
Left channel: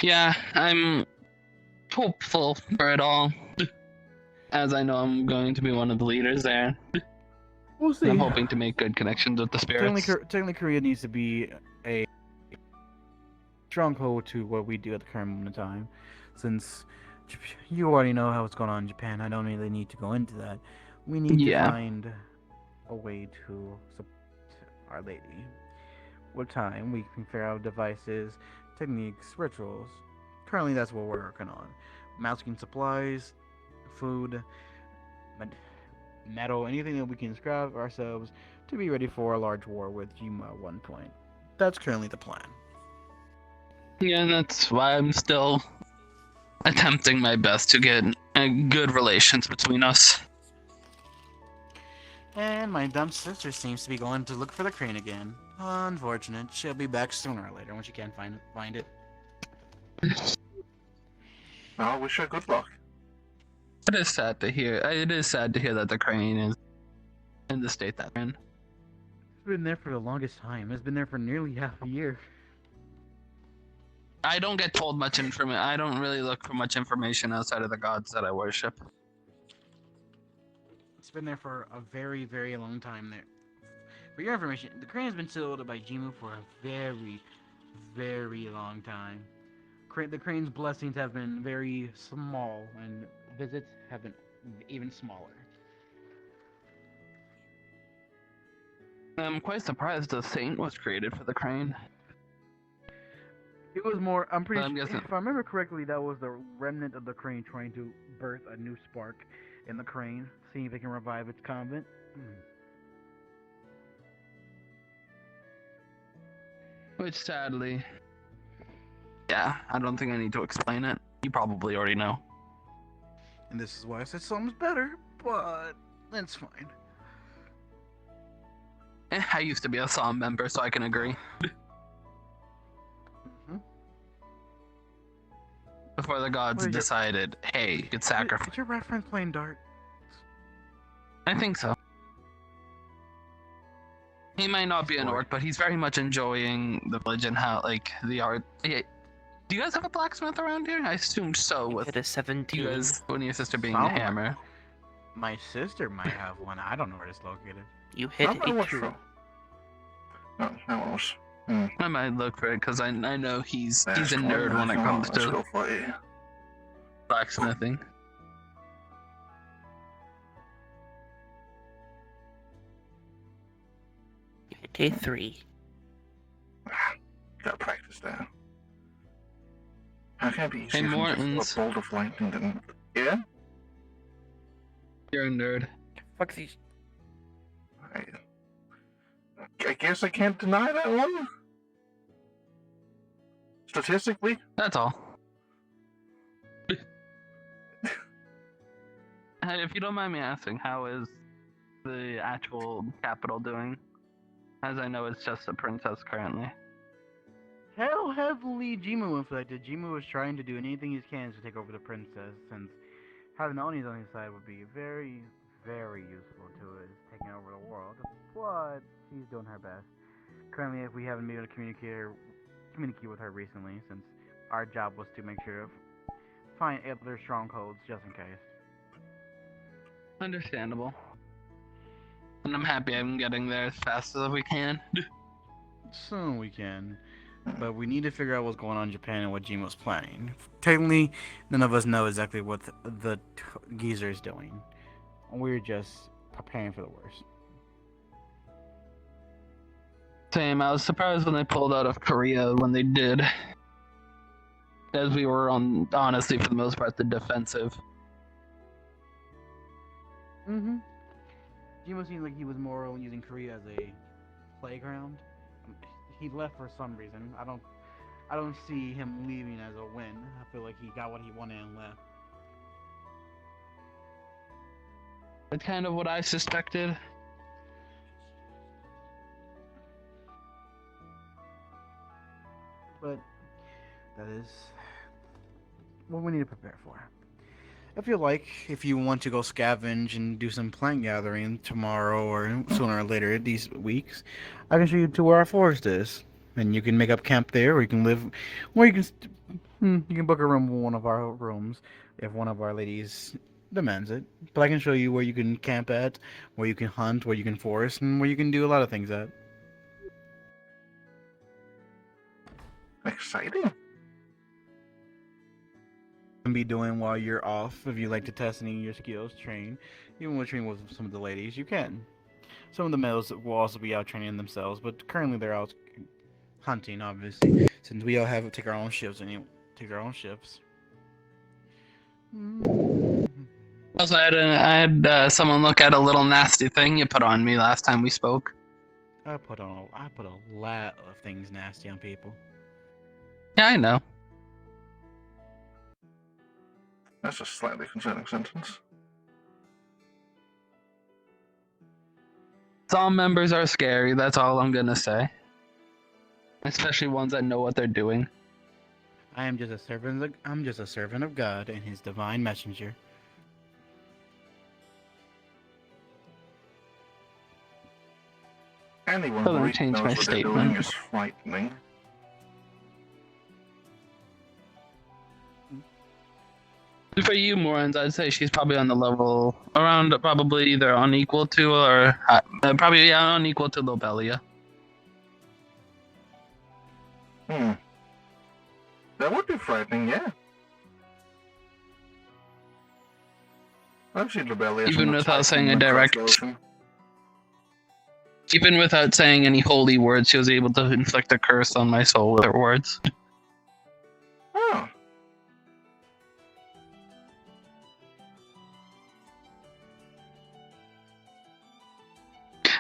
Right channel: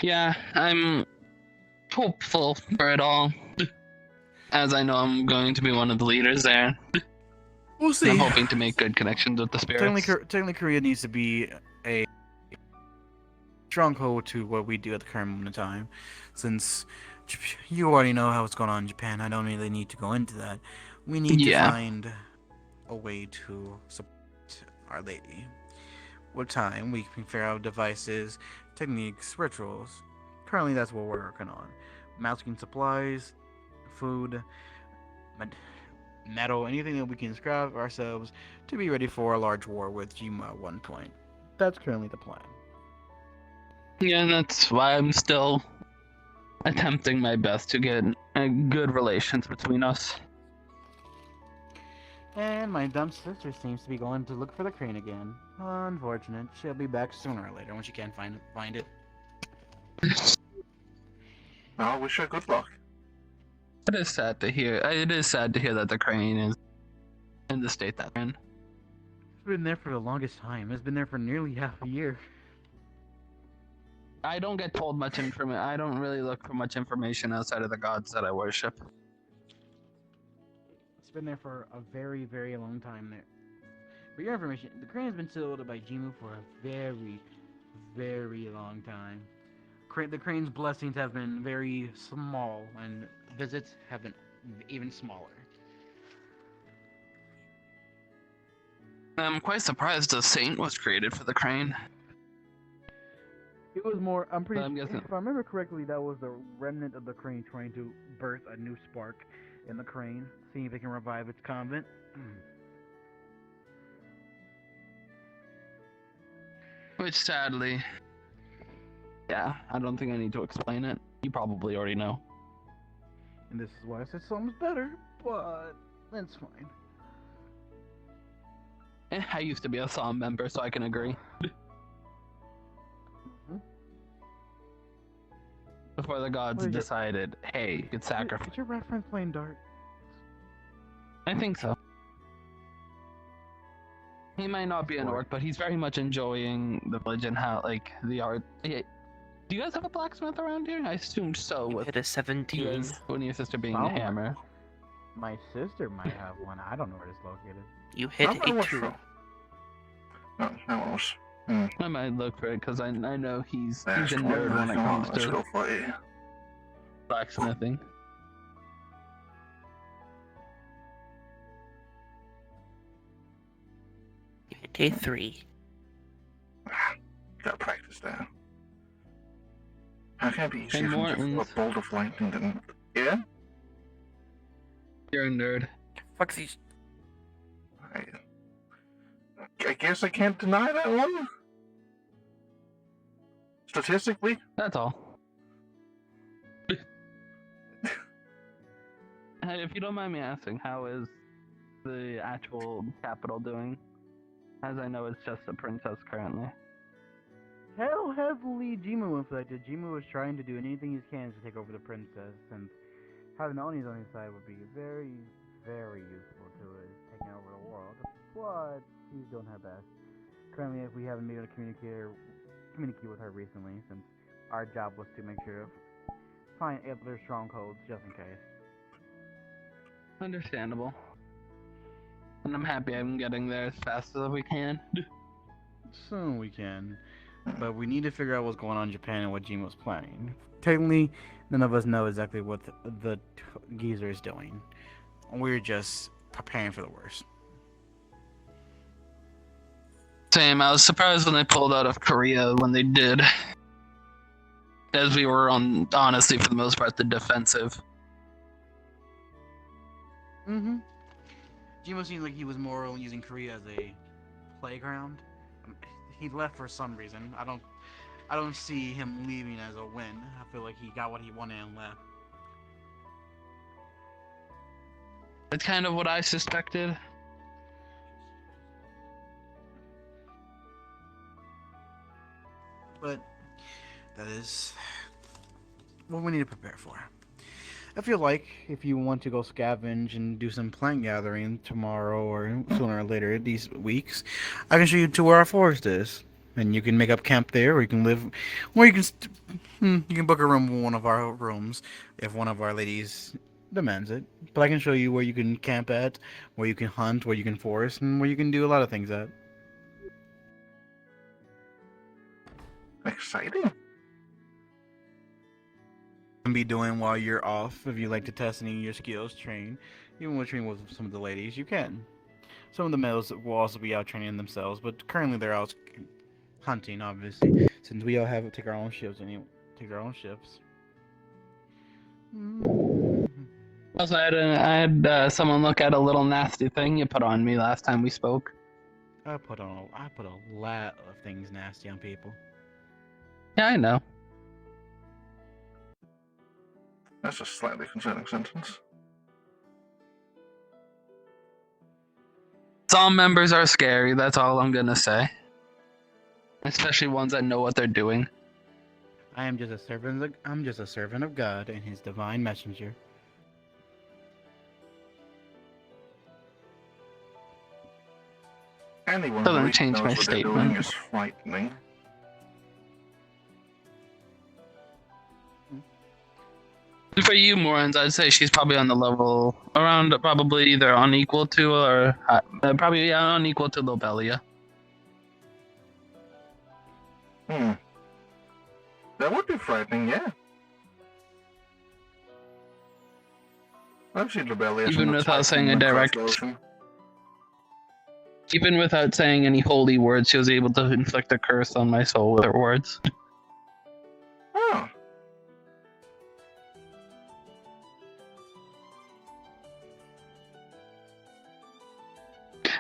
Yeah, I'm hopeful for it all, as I know I'm going to be one of the leaders there. We'll see. I'm hoping to make good connections with the spirits. Technically, Korea needs to be a stronghold to what we do at the current moment in time. Since you already know how it's going on in Japan, I don't really need to go into that. We need to find a way to support Our Lady. With time, we can figure out devices, techniques, rituals. Currently, that's what we're working on. Masking supplies, food, metal, anything that we can scrap ourselves to be ready for a large war with Jima at one point. That's currently the plan. Yeah, that's why I'm still attempting my best to get good relations between us. And my dumb sister seems to be going to look for the crane again. Unfortunate. She'll be back sooner or later when she can't find it. I wish her good luck. It is sad to hear. It is sad to hear that the crane is in the state that it's in. It's been there for the longest time. It's been there for nearly half a year. I don't get told much information. I don't really look for much information outside of the gods that I worship. It's been there for a very, very long time there. For your information, the crane has been sealed by Jimu for a very, very long time. The crane's blessings have been very small, and visits have been even smaller. I'm quite surprised a saint was created for the crane. It was more, I'm pretty sure, guessing. if I remember correctly, that was the remnant of the crane trying to birth a new spark in the crane, seeing if it can revive its convent. Which sadly, yeah, I don't think I need to explain it. You probably already know. And this is why I said something's better, but it's fine. I used to be a Psalm member, so I can agree. Before the gods decided, hey, you could sacrifice. Is your reference playing Dart? I think so. He might not be an orc, but he's very much enjoying the village and how, like, the art. Yeah. Do you guys have a blacksmith around here? I assumed so. You With hit a 17. you guys, and your sister being a hammer. My sister might have one. I don't know where it's located. You hit a 2. No, that was. I might look for it because I know he's a nerd when it comes to blacksmithing. You hit a 3. Gotta practice that. How can it be Hey, easier for him to throw a Mortons. bolt of lightning than... Yeah? You're a nerd. Fuck these. I guess I can't deny that one. Statistically, That's all. If you don't mind me asking, how is the actual capital doing? As I know it's just a princess currently. How heavily Jimu inflected. Jimu is trying to do anything he can to take over the princess, since having Onis on his side would be very, very useful to us taking over the world. But she's doing her best. Currently, if we haven't been able to communicate with her recently, since our job was to make sure of find other strongholds just in case. Understandable. And I'm happy I'm getting there as fast as we can. So we can. But we need to figure out what's going on in Japan and what Jin was planning. Technically, none of us know exactly what the geezer is doing. We're just preparing for the worst. Same, I was surprised when they pulled out of Korea when they did. As we were on, honestly, for the most part, the defensive. Mm-hmm. Jimo seems like he was more using Korea as a playground. He left for some reason. I don't see him leaving as a win. I feel like he got what he wanted and left. That's kind of what I suspected. But that is what we need to prepare for. I feel like if you want to go scavenge and do some plant gathering tomorrow or sooner or later these weeks, I can show you to where our forest is, and you can make up camp there, or you can live, or you can book a room in one of our rooms if one of our ladies demands it. But I can show you where you can camp at, where you can hunt, where you can forest, and where you can do a lot of things at. exciting. Be doing while you're off. If you like to test any of your skills, train. Even with training with some of the ladies, you can. Some of the males will also be out training themselves, but currently they're out hunting, obviously, since we all have to take our own shifts and you take our own shifts. Also, I had someone look at a little nasty thing you put on me last time we spoke. I put a lot of things nasty on people. Yeah, I know. That's a slightly concerning sentence. Some members are scary, that's all I'm gonna say. Especially ones that know what they're doing. I'm just a servant of God and His divine messenger. Anyone Doesn't who really change knows my what they're doing statement. is frightening. For you, Morans, I'd say she's probably on the level around probably either unequal to or probably unequal to Lobelia. That would be frightening, yeah. I've seen Lobelia Even without saying a direct, ocean. even without saying any holy words, she was able to inflict a curse on my soul with her words. Oh.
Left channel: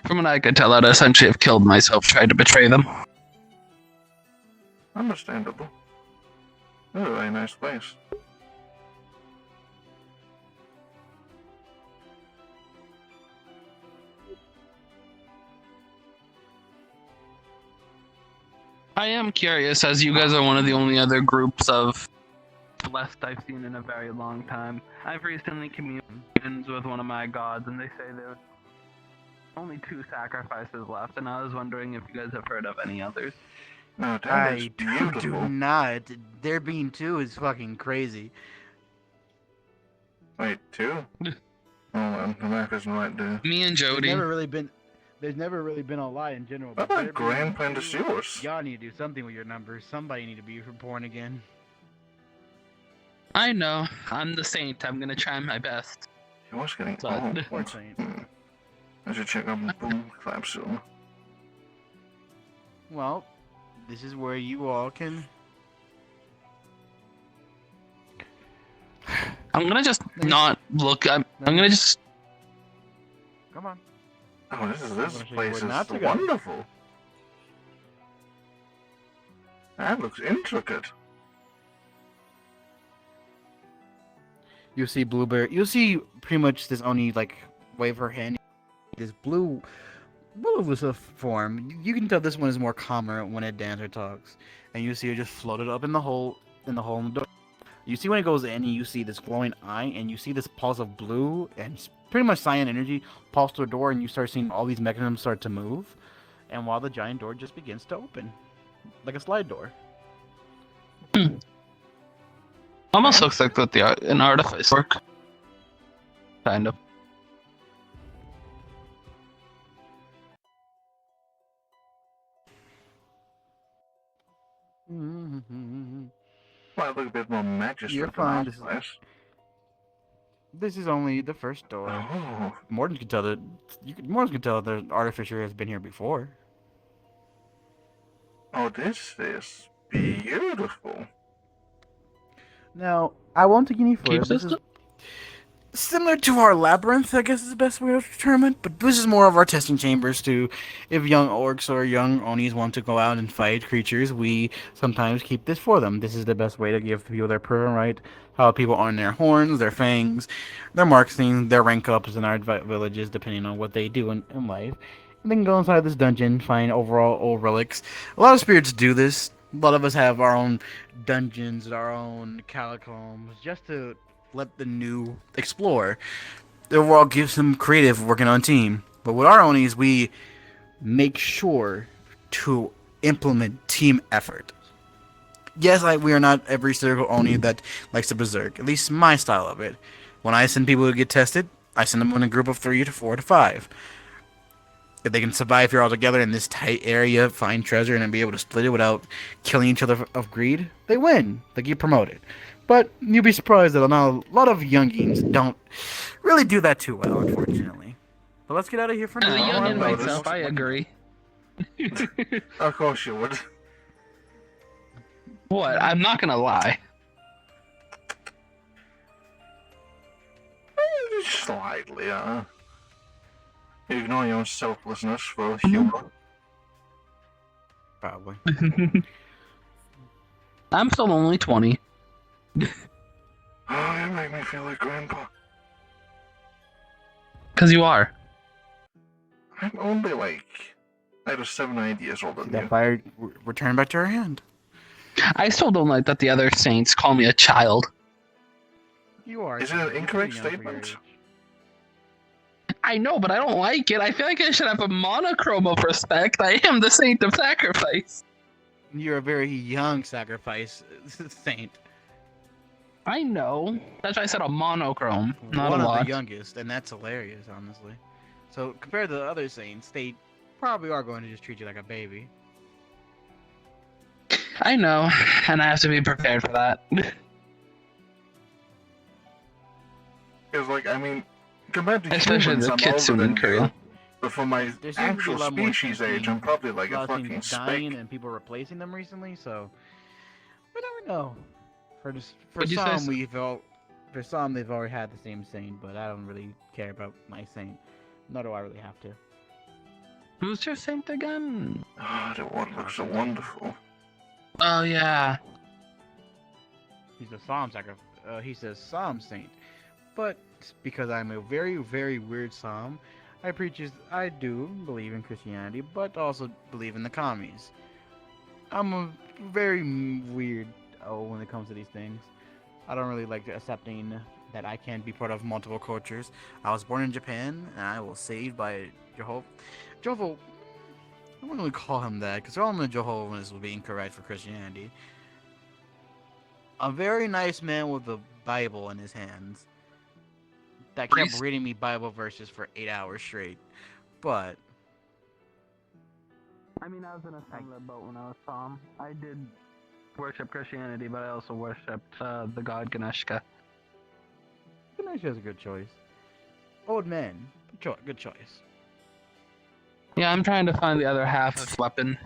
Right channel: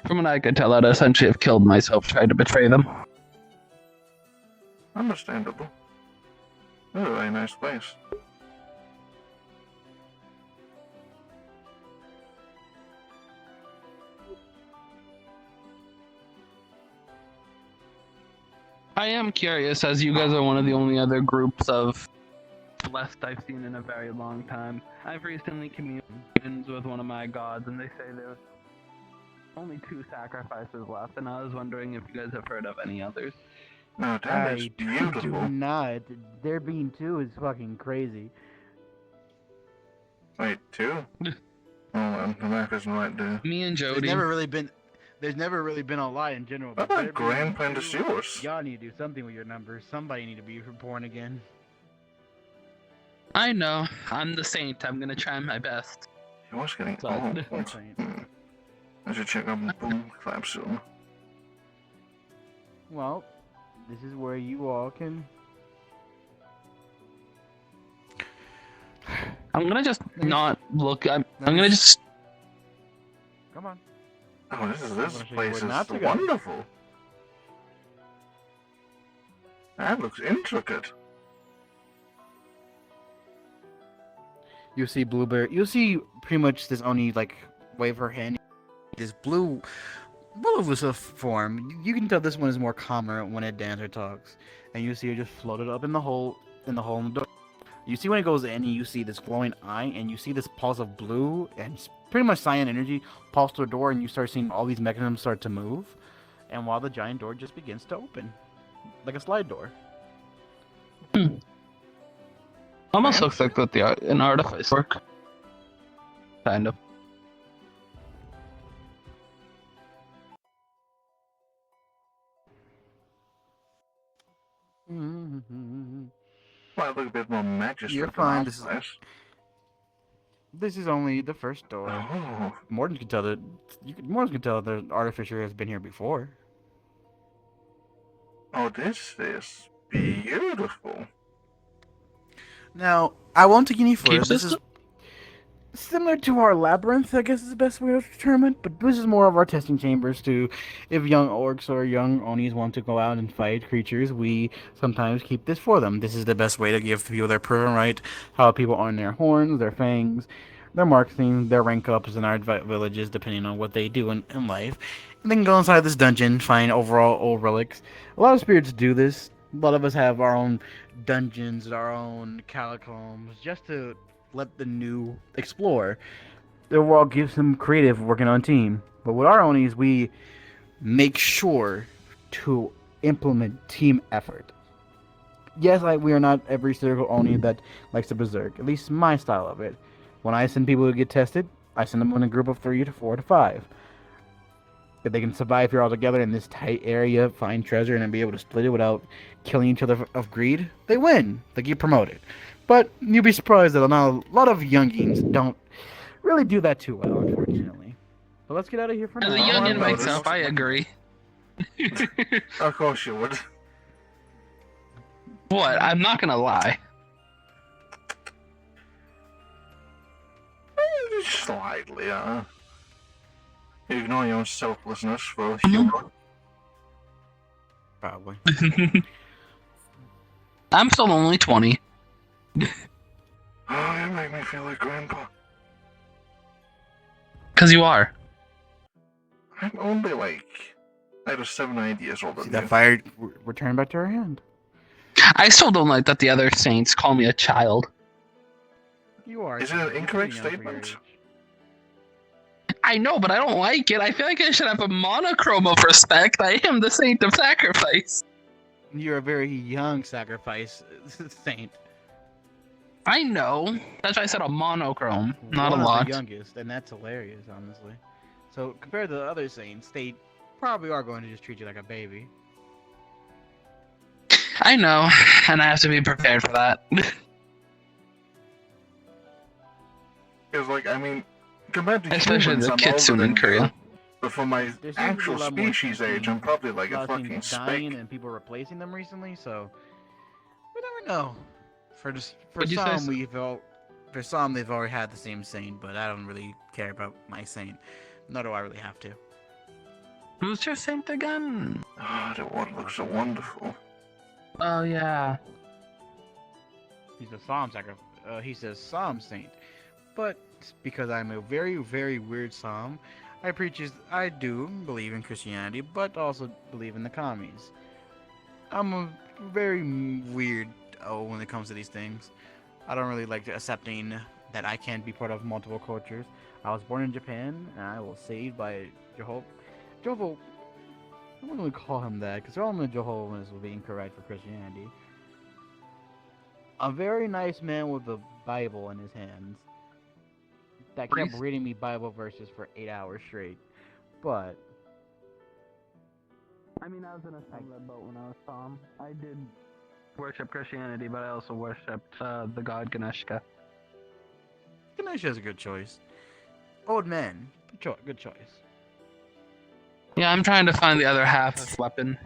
From what I could tell, I'd essentially have killed myself trying to betray them. Understandable. This is a very nice place. I am curious, as you guys are one of the only other groups of Celeste I've seen in a very long time. I've recently communed with one of my gods, and they say there's only 2 sacrifices left, and I was wondering if you guys have heard of any others. No, that is beautiful. do not. There being 2 is fucking crazy. Wait, 2? Hold on, the map isn't right there. Me and Jody. There's never really been a lie in general. What but about there being Grand 2, Pandasius? y'all need to do something with your numbers. Somebody need to be reborn again. I know. I'm the saint. I'm gonna try my best. He was getting Sorry. old. I should check out my boom clap soon. Well, this is where you all can I'm gonna just Nice. not look. I'm gonna just. Come on. Oh, this gonna show you place where is not to go. wonderful. That looks intricate. You see Blueberry. You'll see pretty much this Oni like wave her hand. This blue was a form. You can tell this one is more calmer when it dances or talks. And you see it just floated up in the hole in the door. You see when it goes in, you see this glowing eye, and you see this pulse of blue and pretty much cyan energy pulse through the door, and you start seeing all these mechanisms start to move. And while the giant door just begins to open, like a slide door. Almost looks like that an artifice work. Kind of. Might look a bit more You're magistrate than fine. our This is, place. this is only the first door. Oh, Morton can tell that. Morton can tell the artificer has been here before. oh, this is beautiful. Now, I won't take any further. Keep This this is similar to our labyrinth, I guess is the best way to determine it, but this is more of our testing chambers to, if young orcs or young Onis want to go out and fight creatures, we sometimes keep this for them. This is the best way to give people their proven right, how people own their horns, their fangs, their marksing, their rank ups in our villages, depending on what they do in life. And then go inside this dungeon, find overall old relics. A lot of spirits do this. A lot of us have our own dungeons, our own catacombs, just to let the new explore. The overall gives them creative working on team. But with our Onis, we make sure to implement team effort. Yes, we are not every single Oni that likes to berserk. At least my style of it. When I send people to get tested, I send them in a group of 3 to 4 to 5. If they can survive here all together in this tight area, find treasure, and be able to split it without killing each other of greed, they win. They get promoted. But you'll be surprised that a lot of youngins don't really do that too well, unfortunately. But let's get out of here for As a now. young in noticed. myself, I agree. Of course you would. What? I'm not gonna lie. Slightly, You ignore your own selflessness for humor. Probably. I'm still only 20. Oh, you make me feel like Grandpa. Cause you are. I'm only like either 7 or 8 years older See than that you. fire return back to her hand. I still don't like that the other saints call me a child. You are. Is it an you're incorrect pretty young for your statement? age. I know, but I don't like it. I feel like I should have a monochrome of respect. I am the saint of sacrifice. You're a very young sacrifice saint. I know. That's why I said a monochrome, not One a of lot. the youngest, and that's hilarious, honestly. So compared to the other saints, they probably are going to just treat you like a baby. I know, and I have to be prepared for that. Because, like, I mean, compared to Especially humans, the I'm older Kitsune than crew. you. But for my There seems to be actual a lot more species age, I'm probably like a fucking dying speck. and people replacing them recently, so we never know. For What'd you say, some, sir? for some they've already had the same saint, but I don't really care about my saint. Nor do I really have to. Who's your saint again? Oh, the water looks so wonderful. Oh yeah. He's a he's a psalm saint, but because I'm a very, very weird psalm, I do believe in Christianity, but also believe in the commies. I'm a very weird when it comes to these things. I don't really like accepting that I can't be part of multiple cultures. I was born in Japan, and I was saved by Jehovah. I wouldn't really call him that, because all the Jehovah's would be incorrect for Christianity. A very nice man with a Bible in his hands that kept Priest? reading me Bible verses for 8 hours straight. But I mean, I was in a similar boat when I was Tom. I did worship Christianity, but I also worshipped the god Ganeshka. Ganesh is a good choice. Old man, good choice. Yeah, I'm trying to find the other half weapon.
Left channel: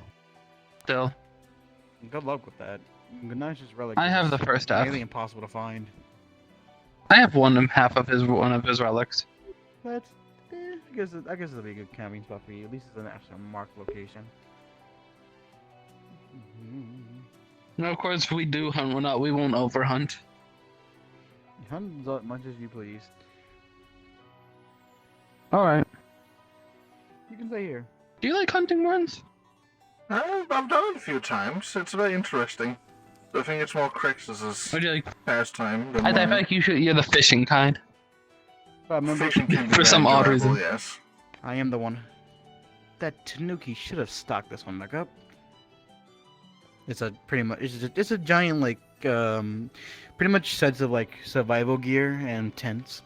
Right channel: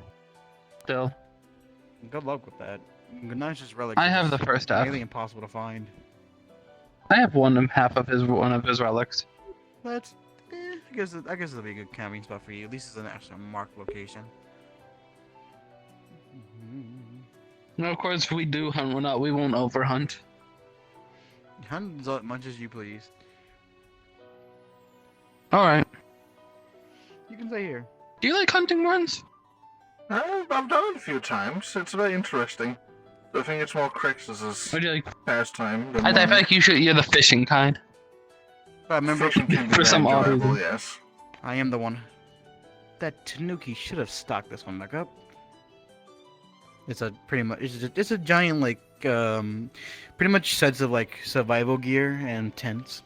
Still, Good luck with that. Ganesh's relic. I have the first half. Really impossible to find. I have one of his relics. But I guess it'll be a good camping spot for you. At least it's an actual marked location. And of course, if we do hunt one out, we won't overhunt. Hunt as much as you please. All right. You can stay here. Do you like hunting runs? I've done it a few times. It's very interesting. I think it's more Crix's Or do you like? pastime than I feel mine. like you're the fishing kind. But remember, Fishing can be For very some odd enjoyable, reason. yes. I am the one. That Tanuki should have stocked this one back up. It's a pretty much it's a giant like pretty much sets of like survival gear and tents.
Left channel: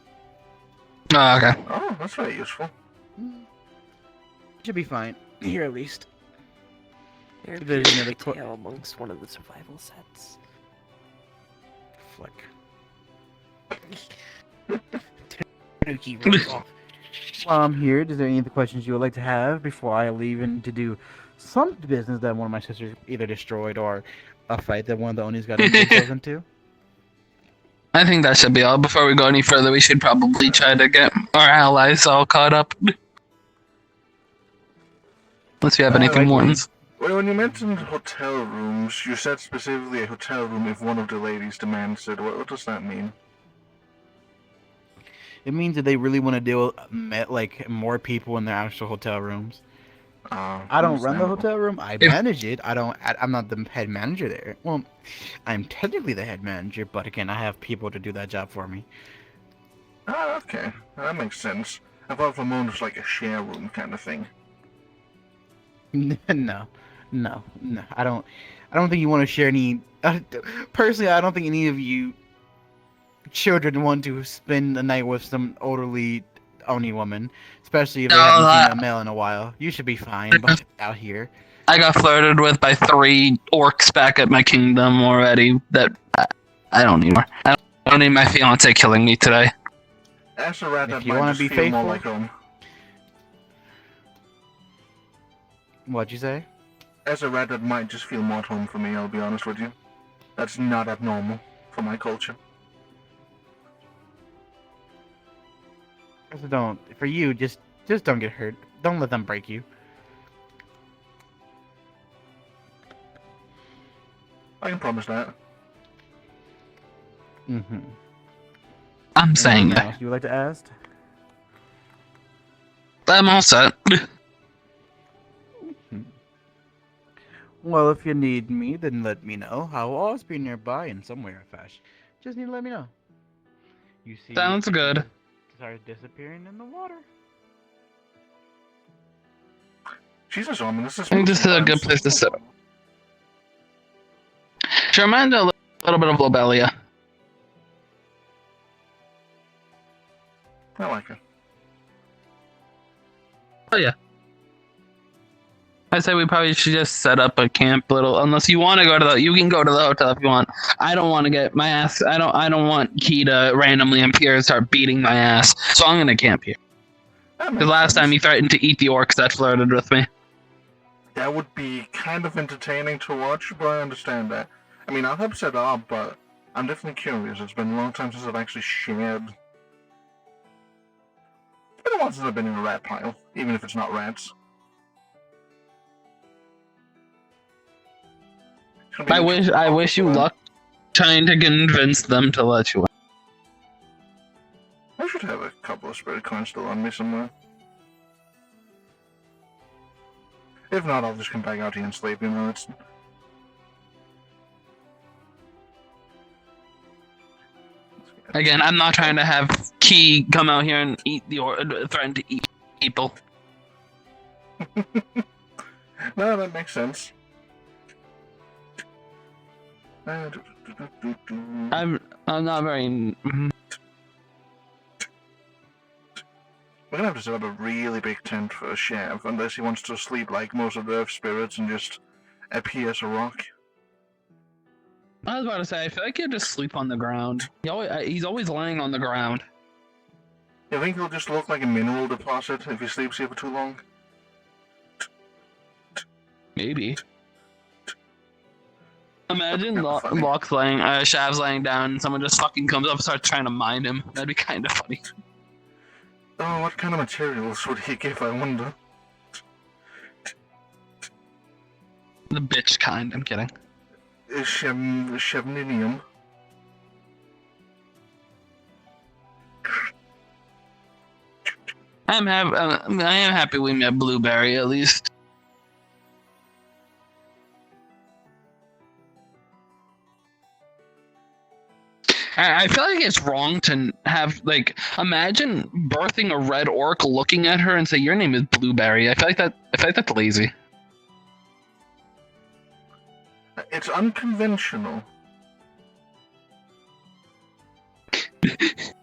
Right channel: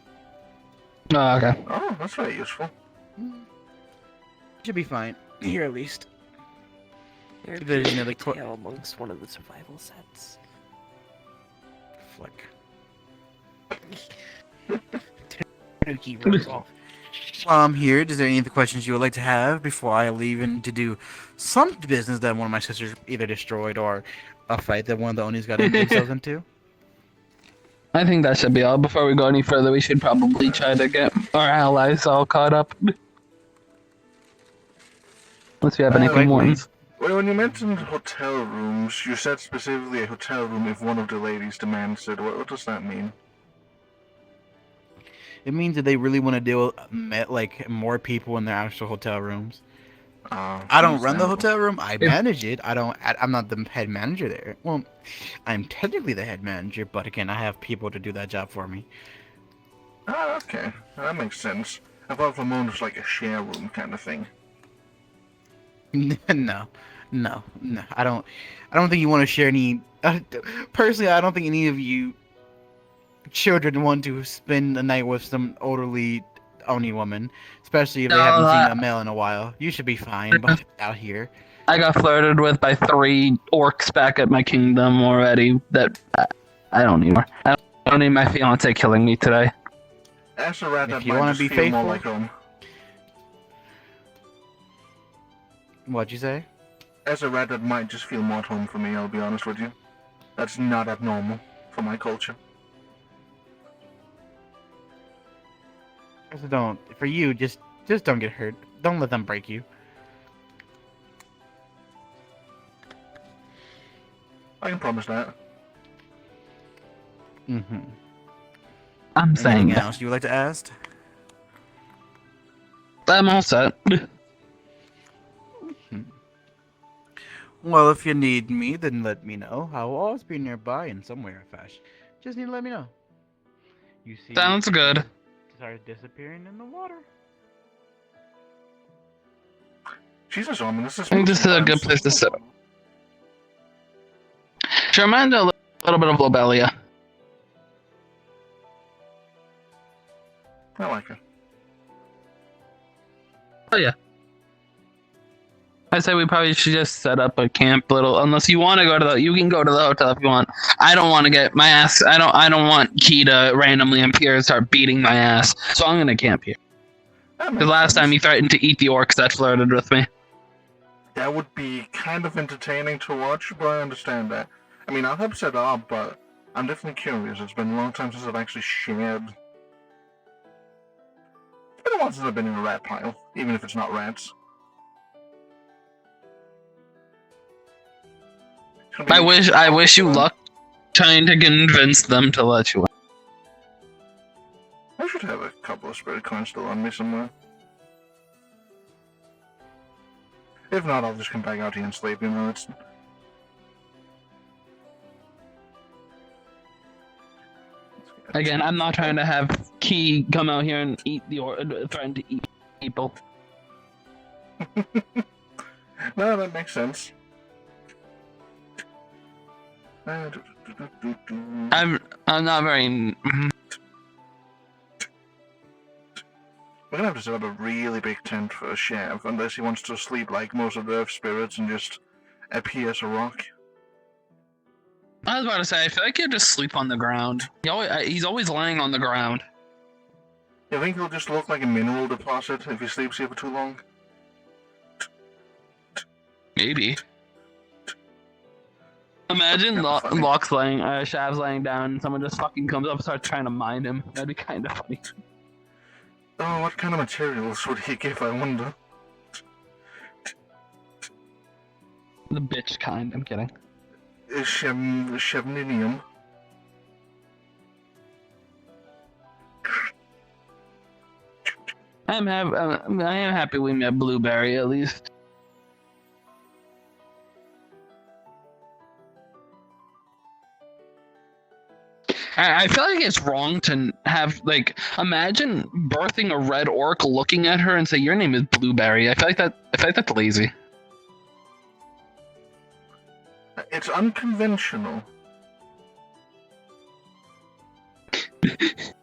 Oh, okay. Oh, that's very useful. Should be fine here at least. There There's appears another a tail amongst one of the survival sets. Flick. Tanuki runs off. Here. Is there any other questions you would like to have before I leave and to do some business that one of my sisters either destroyed or a fight that one of the Onis got themselves into? I think that should be all. Before we go any further, we should probably try to get our allies all caught up. Unless we have anything like more. Well, when you mentioned hotel rooms, you said specifically a hotel room if one of the ladies demands it. What does that mean? It means that they really want to deal with like more people in their actual hotel rooms. I don't run the hotel room. I manage it. I'm not the head manager there. Well, I'm technically the head manager, but again, I have people to do that job for me. Ah, okay. That makes sense. I thought for a moment it was like a share room kind of thing. No. I don't think you want to share any. Personally, I don't think any of you children want to spend the night with some elderly Oni woman, especially if they haven't seen a male in a while. You should be fine, but out here. I got flirted with by 3 orcs back at my kingdom already. That I don't need more. I don't need my fiance killing me today. As a rat, If that you might wanna just be feel more faithful- like home. What'd you say? As a rat, that might just feel more at home for me, I'll be honest with you. That's not abnormal for my culture. So don't. For you, just don't get hurt. Don't let them break you. I can promise that. Mm-hmm. I'm saying Anything that. else you would like to ask? I'm all set. Well, if you need me, then let me know. I will always be nearby in some way or fashion. Just need to let me know. You see, Sounds good. Started disappearing in the water. Jesus, Omen, this is. I think this is a good place to sit. She reminds me a little bit of Lobelia. I like her. Oh yeah. I say we probably should just set up a camp unless you want to go to you can go to the hotel if you want. I don't want to get my ass. I don't want Key to randomly appear and start beating my ass. So I'm gonna camp here. Because last time he threatened to eat the orcs that flirted with me. That would be kind of entertaining to watch, but I understand that. I mean, I'll help set up, but I'm definitely curious. It's been a long time since I've actually shared. It's been a while since I've been in a rat pile, even if it's not rats. I wish you luck trying to convince them to let you in. I should have a couple of spirit coins still on me somewhere. If not, I'll just come back out here and sleep, you know, it's... Again, I'm not trying to have Key come out here and threaten to eat people. No, that makes sense. I'm not very. We're gonna have to set up a really big tent for a chef, unless he wants to sleep like most of the earth spirits and just appear as a rock. I was about to say, I feel like he'll just sleep on the ground. He's always laying on the ground. You think he'll just look like a mineral deposit if he sleeps here for too long? Maybe. Imagine Funny. Locke's laying, Shav's laying down, and someone just fucking comes up and starts trying to mind him. That'd be kind of funny. Oh, what kind of materials would he give, I wonder? The bitch kind. I'm kidding. Chevninium. I am happy we met Blueberry at least. I feel like it's wrong to have, like, imagine birthing a red orc, looking at her and say, "Your name is Blueberry." I feel like that's lazy. It's unconventional.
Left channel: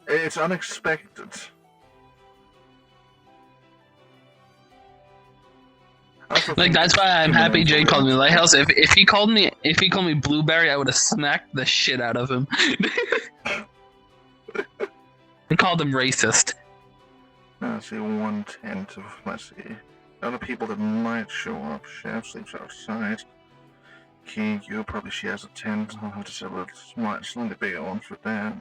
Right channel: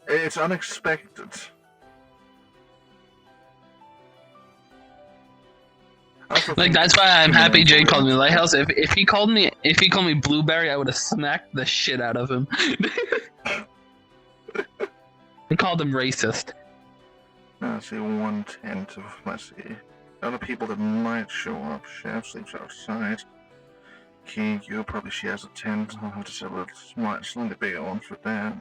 It's unexpected. Like, that's why I'm happy Jay called me Lighthouse. If he called me Blueberry, I would have smacked the shit out of him. I called him racist. Let's see, 110 to, let's see. Other people that might show up. Chef sleeps outside. You probably she has a tent. I'll have to sell a slightly bigger one for that.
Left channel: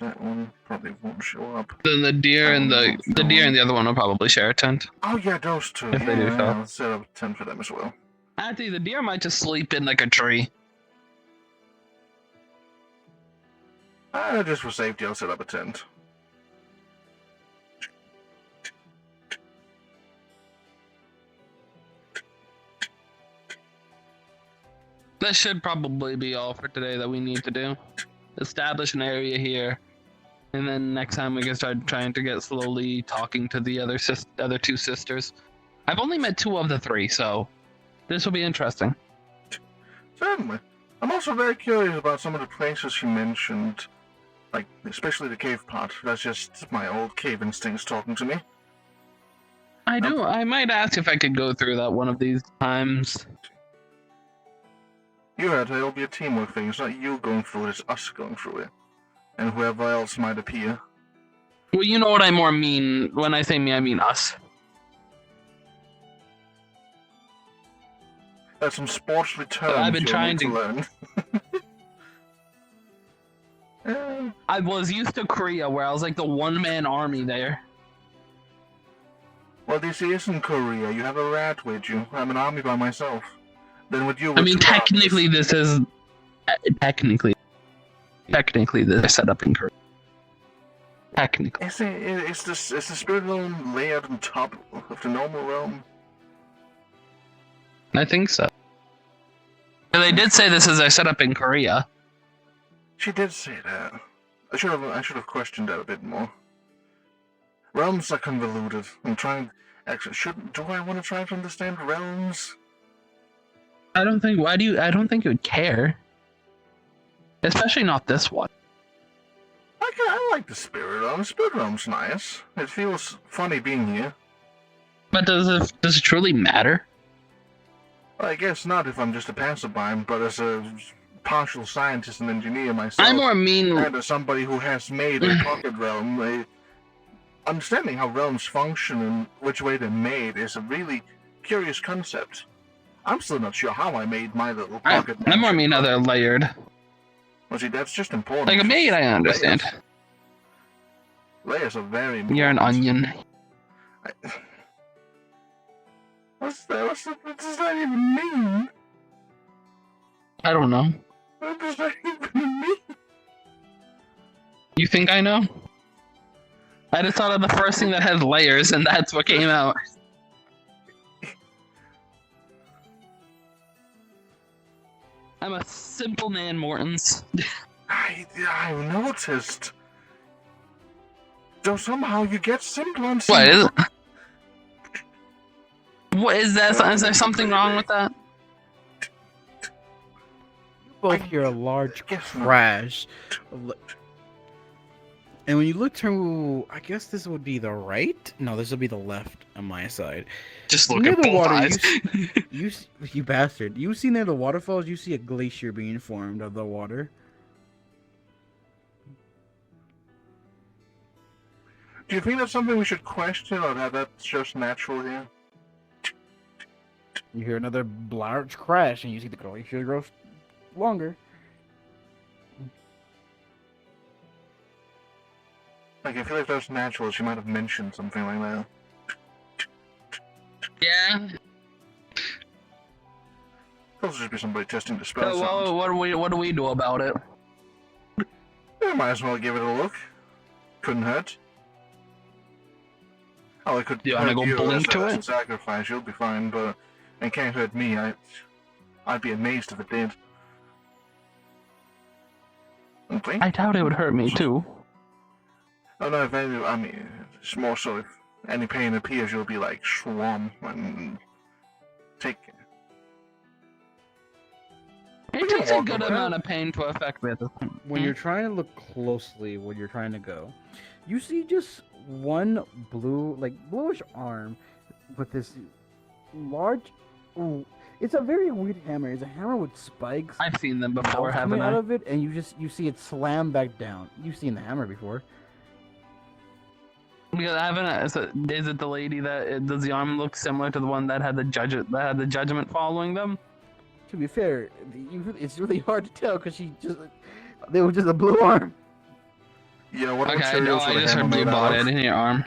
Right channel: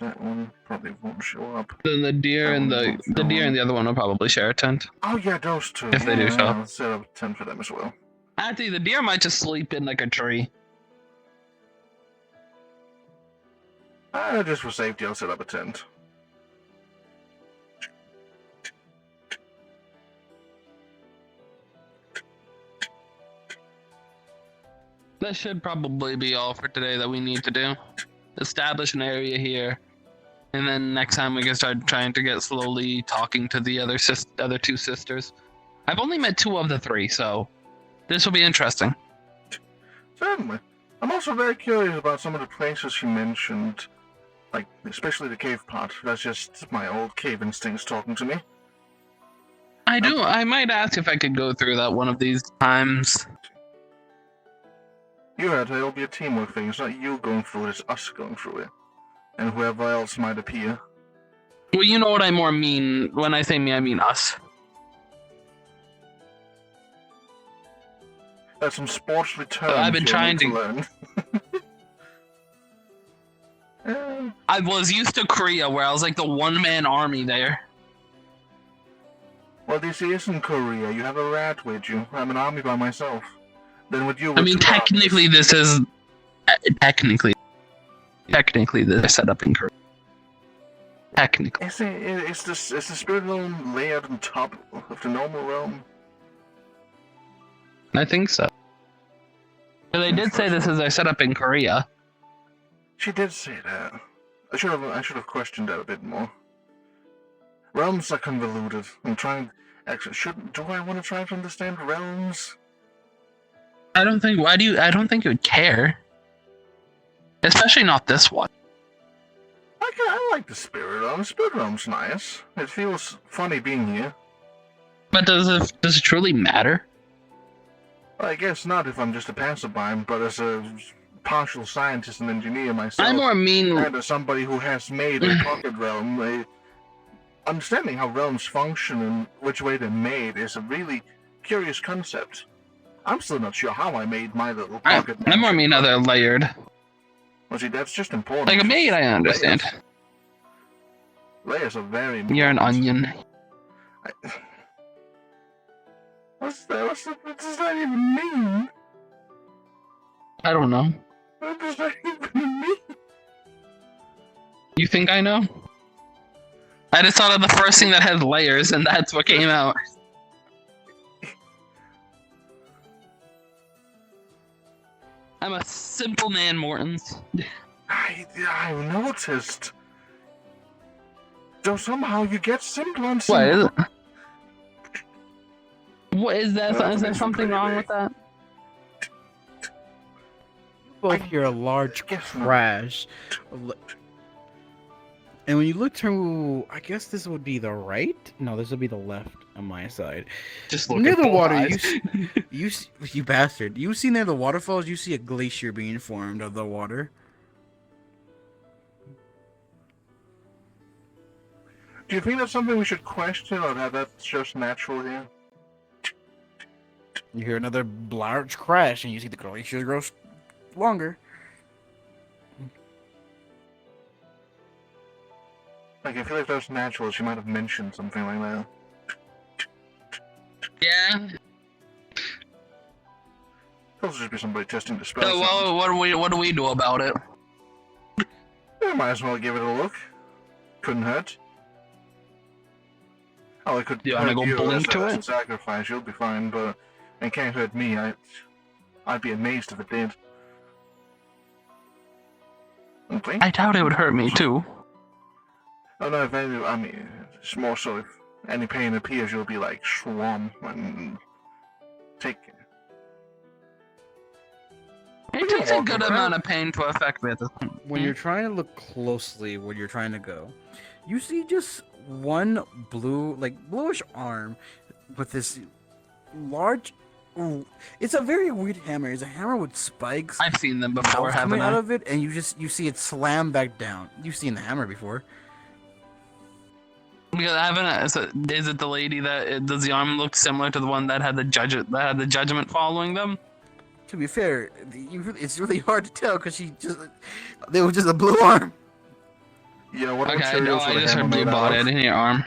That one probably won't show up. Then the deer and the other one will probably share a tent. Oh yeah, those two. If they do so. I'll set up a tent for them as well. Actually, the deer might just sleep in like a tree. Just for safety, I'll set up a tent. That should probably be all for today that we need to do. Establish an area here, and then next time we can start trying to get slowly talking to the other two sisters. I've only met 2 of the 3, so this will be interesting. Certainly. I'm also very curious about some of the places she mentioned, like especially the cave part. That's just my old cave instincts talking to me. I might ask if I could go through that one of these times. You heard it'll be a teamwork thing. It's not you going through it, it's us going through it. And whoever else might appear. Well, you know what I more mean. When I say me, I mean us. That's some sports returns I've been trying to learn. I was used to Korea, where I was like the one-man army there. Well, this isn't Korea. You have a rat with you. I'm an army by myself. Then with you, I mean, technically, armies. this is technically this is set up in Korea. Technically, Is the spirit realm layered on top of the normal realm? I think so. They did say this is a setup in Korea. She did say that. I should have questioned that a bit more. Realms are convoluted. I'm trying. Actually, do I want to try to understand realms? I don't think you would care. Especially not this one. I like the spirit realm. The spirit realm's nice. It feels funny being here. But does it truly matter? Well, I guess not if I'm just a passerby, but as a partial scientist and engineer myself, I more mean, and as somebody who has made a pocket realm, understanding how realms function and which way they're made is a really curious concept. I'm still not sure how I made my little pocket. I more mean how they're layered. Well, see, that's just important. Like a maid, I understand. Layers are very important. You're an onion. What does that even mean? I don't know. What does that even mean? You think I know? I just thought of the first thing that has layers, and that's what came out. I'm a simple man, Mortons. I noticed. Though somehow you get simple and simple. What is it? What is that? Is there something wrong with that? Both hear a large crash. And when you look to, I guess this would be the right? No, this would be the left on my side. Just look near at the water, eyes. you bastard. You see near the waterfalls, you see a glacier being formed of the water. Do you think that's something we should question, or that that's just natural here? You hear another large crash, and you see the glacier grow longer. Like, I feel like that was natural. She might have mentioned something like that. Yeah. Could also just be somebody testing the spell So sounds. what do we do about it? Yeah, might as well give it a look. Couldn't hurt. Oh, it could You wanna hurt go you blink to as a it? sacrifice. You'll be fine, but it can't hurt me. I'd be amazed if it did. Okay. I doubt it would hurt me too. Oh no, if any, I mean, it's more so if any pain appears, you'll be like swarm and take. It takes a good amount of pain to affect me at this point. When you're trying to look closely where you're trying to go, you see just one bluish arm with this large. It's a very weird hammer. It's a hammer with spikes I've seen them before, coming haven't out I? of it, and you see it slam back down. You've seen the hammer before. Because I haven't. Is it the lady that does the arm look similar to the one that had the judgment following them? To be fair, it's really hard to tell because they were just a blue arm. Yeah, what Okay, no, materials I were the just hammer heard blue made out bought of? it in your arm.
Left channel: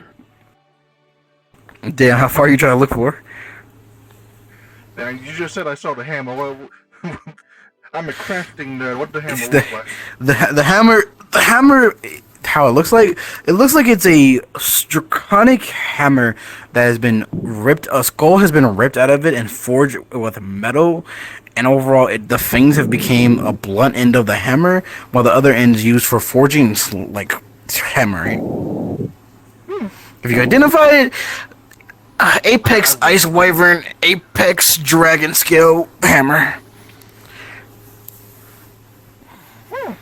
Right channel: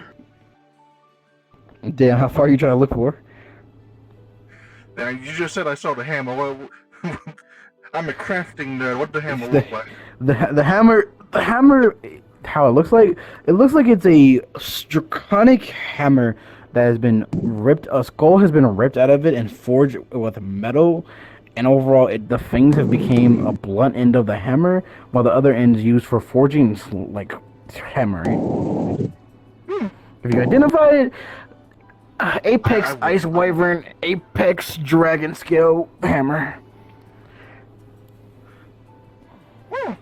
Damn, how far are you trying to look for? Yeah, you just said I saw the hammer. Well, I'm a crafting nerd. What does the hammer look like? The hammer, how it looks like it's a draconic hammer that has been ripped. A skull has been ripped out of it and forged with metal, and overall, the fangs have become a blunt end of the hammer, while the other end's used for forging, like hammering. If you identify it, Apex Ice Wyvern, Apex Dragon Scale Hammer. I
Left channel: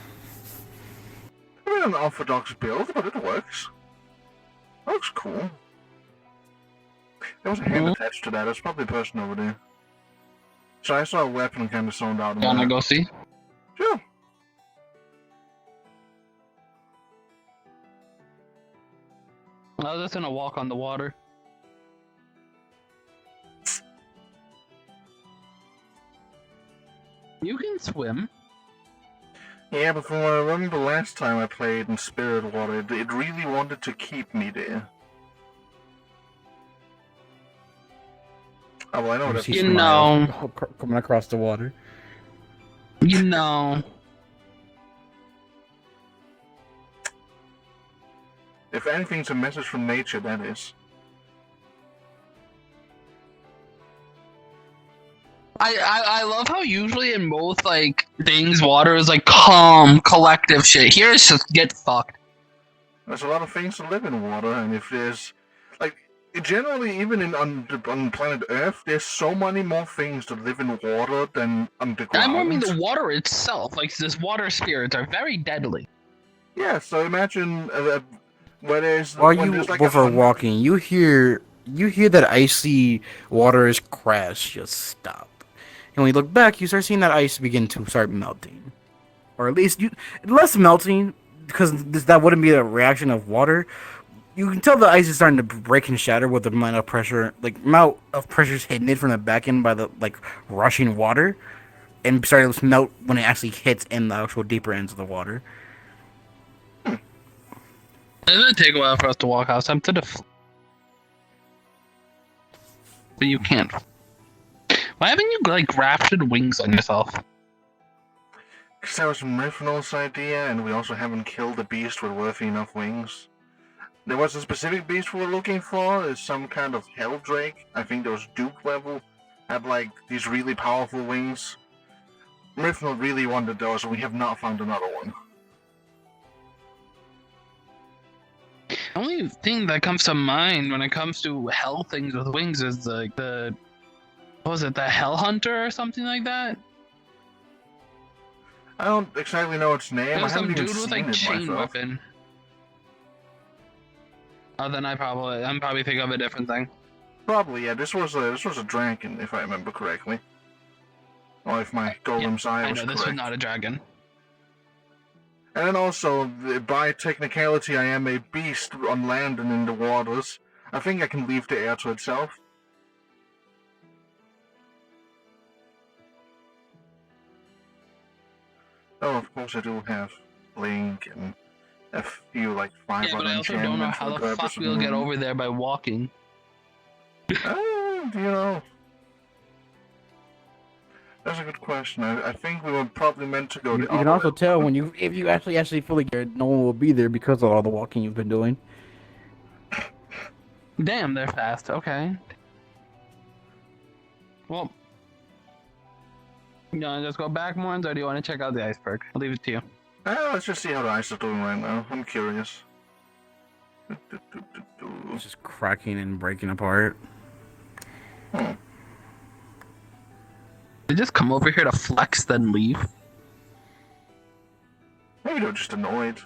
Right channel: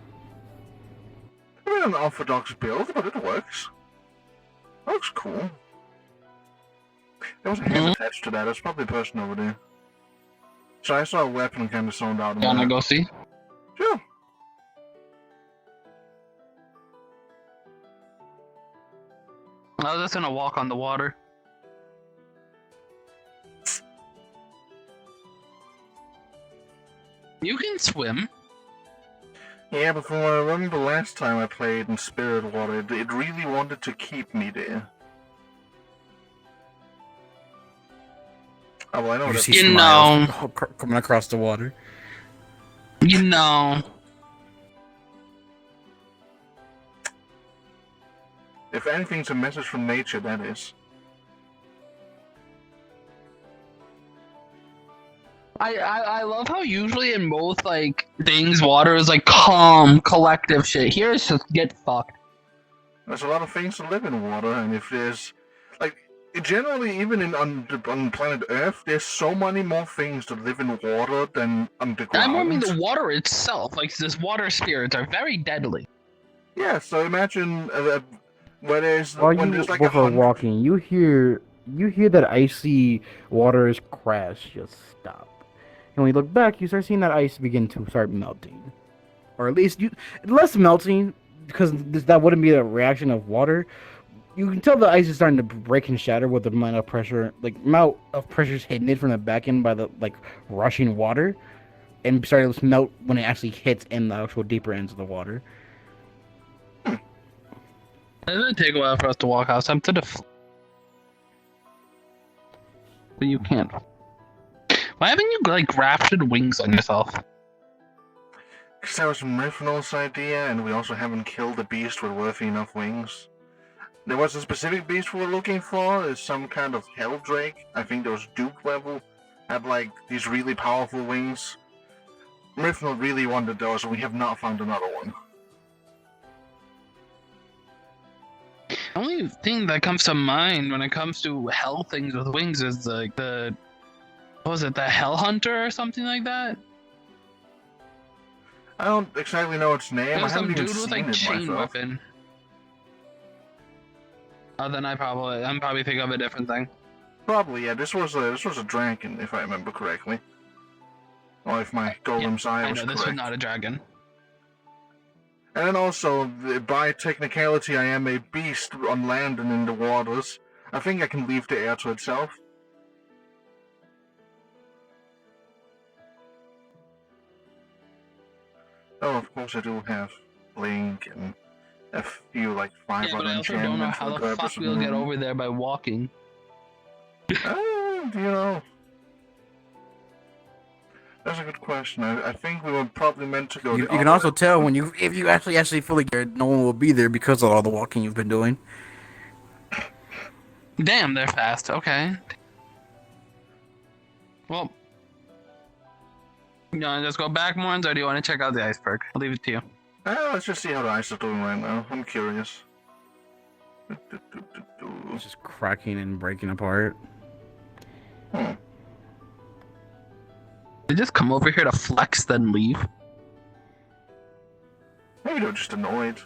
mean, an orthodox build, but it works. Looks cool. There was a hand attached to that. It's probably a person over there. So I saw a weapon kind of zoned out. You wanna go see? Sure. I was just gonna walk on the water. You can swim. Yeah, but from what I remember last time I played in Spirit Water, it really wanted to keep me there. Oh, well, I know that's You know. Coming across the water. You know. If anything's a message from nature, that is. I love how usually in both like things water is like calm collective shit. Here it's just get fucked. There's a lot of things to live in water, and if there's like generally even on planet Earth, there's so many more things that live in water than underground. I mean the water itself, like this water spirits are very deadly. Yeah, so imagine where there's While when you there's like both are walking, you hear that icy water is crash just stop. And when you look back, you start seeing that ice begin to start melting. Or at least less melting, because that wouldn't be a reaction of water. You can tell the ice is starting to break and shatter with the amount of pressure is hitting it from the back end by the rushing water, and starting to melt when it actually hits in the actual deeper ends of the water. Doesn't it take a while for us to walk out? So I'm to the but you can't. Why haven't you grafted wings on yourself? Because that was Mryfnol's idea, and we also haven't killed a beast with worthy enough wings. There was a specific beast we were looking for, is some kind of hell drake. I think there was Duke level, had these really powerful wings. Mryfnol really wanted those, and we have not found another one. The only thing that comes to mind when it comes to hell things with wings is the what was it, the Hell Hunter or something like that? I don't exactly know its name. There was I some haven't even dude with seen it chain myself. weapon. Oh, then I'm probably thinking of a different thing. Probably, yeah. This was a dragon, if I remember correctly. Or if my golem's eye I was know correct. this was not a dragon. And then also, by technicality, I am a beast on land and in the waters. I think I can leave the air to itself. Oh, of course I do have Blink and a few like 5 Yeah, but other I also don't know enchantments for how the the purpose fuck of we'll get movement. over there by walking. You know, that's a good question. I think we were probably meant to go You the can other way. also tell when if you actually feel like no one will be there because of all the walking you've been doing. Damn, they're fast. Okay. Well, you want to just go back, Morns, or do you want to check out the iceberg? I'll leave it to you. Let's just see how the ice is doing right now. I'm curious. It's just cracking and breaking apart. Hmm. They just come over here to flex, then leave. Maybe they're just annoyed.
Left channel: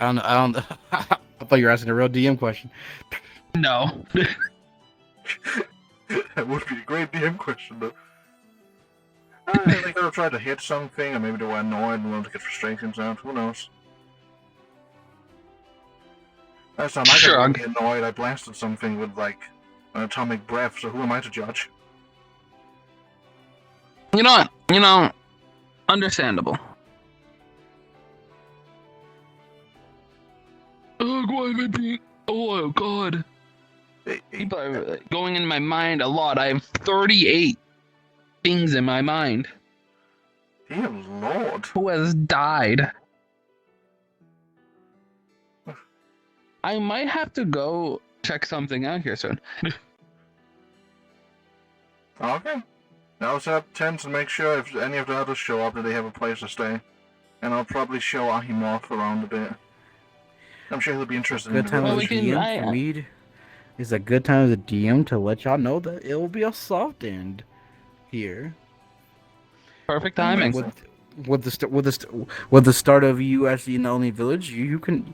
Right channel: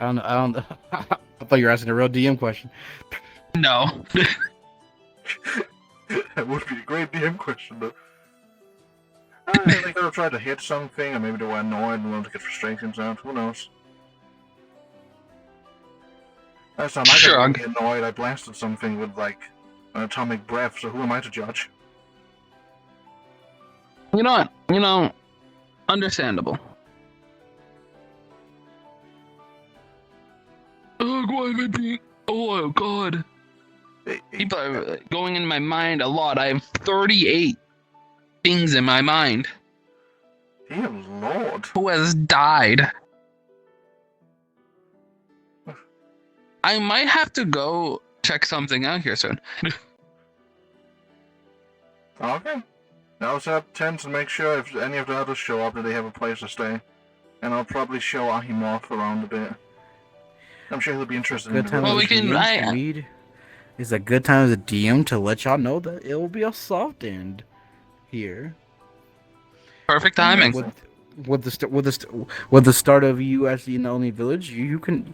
I don't. I thought you were asking a real DM question. No. That would be a great DM question, though. They could have tried to hit something, or maybe they were annoyed and wanted to get frustrations out. Who knows? Last time I got Shrug. really annoyed, I blasted something with, like, an atomic breath, so who am I to judge? You know, understandable. Oh, why am I being... Oh, God. People are going in my mind a lot. I have 38 things in my mind. Dear Lord. Who has died? I might have to go check something out here soon. Okay. I'll set up tents and make sure if any of the others show up that they have a place to stay. And I'll probably show Ahimoff around a bit. I'm sure he'll be interested in Good the time Well, as we a can- DM for me. It's a good time as a DM to let y'all know that it will be a soft end here. Perfect timing. With the start of you as the Oni Village, you can.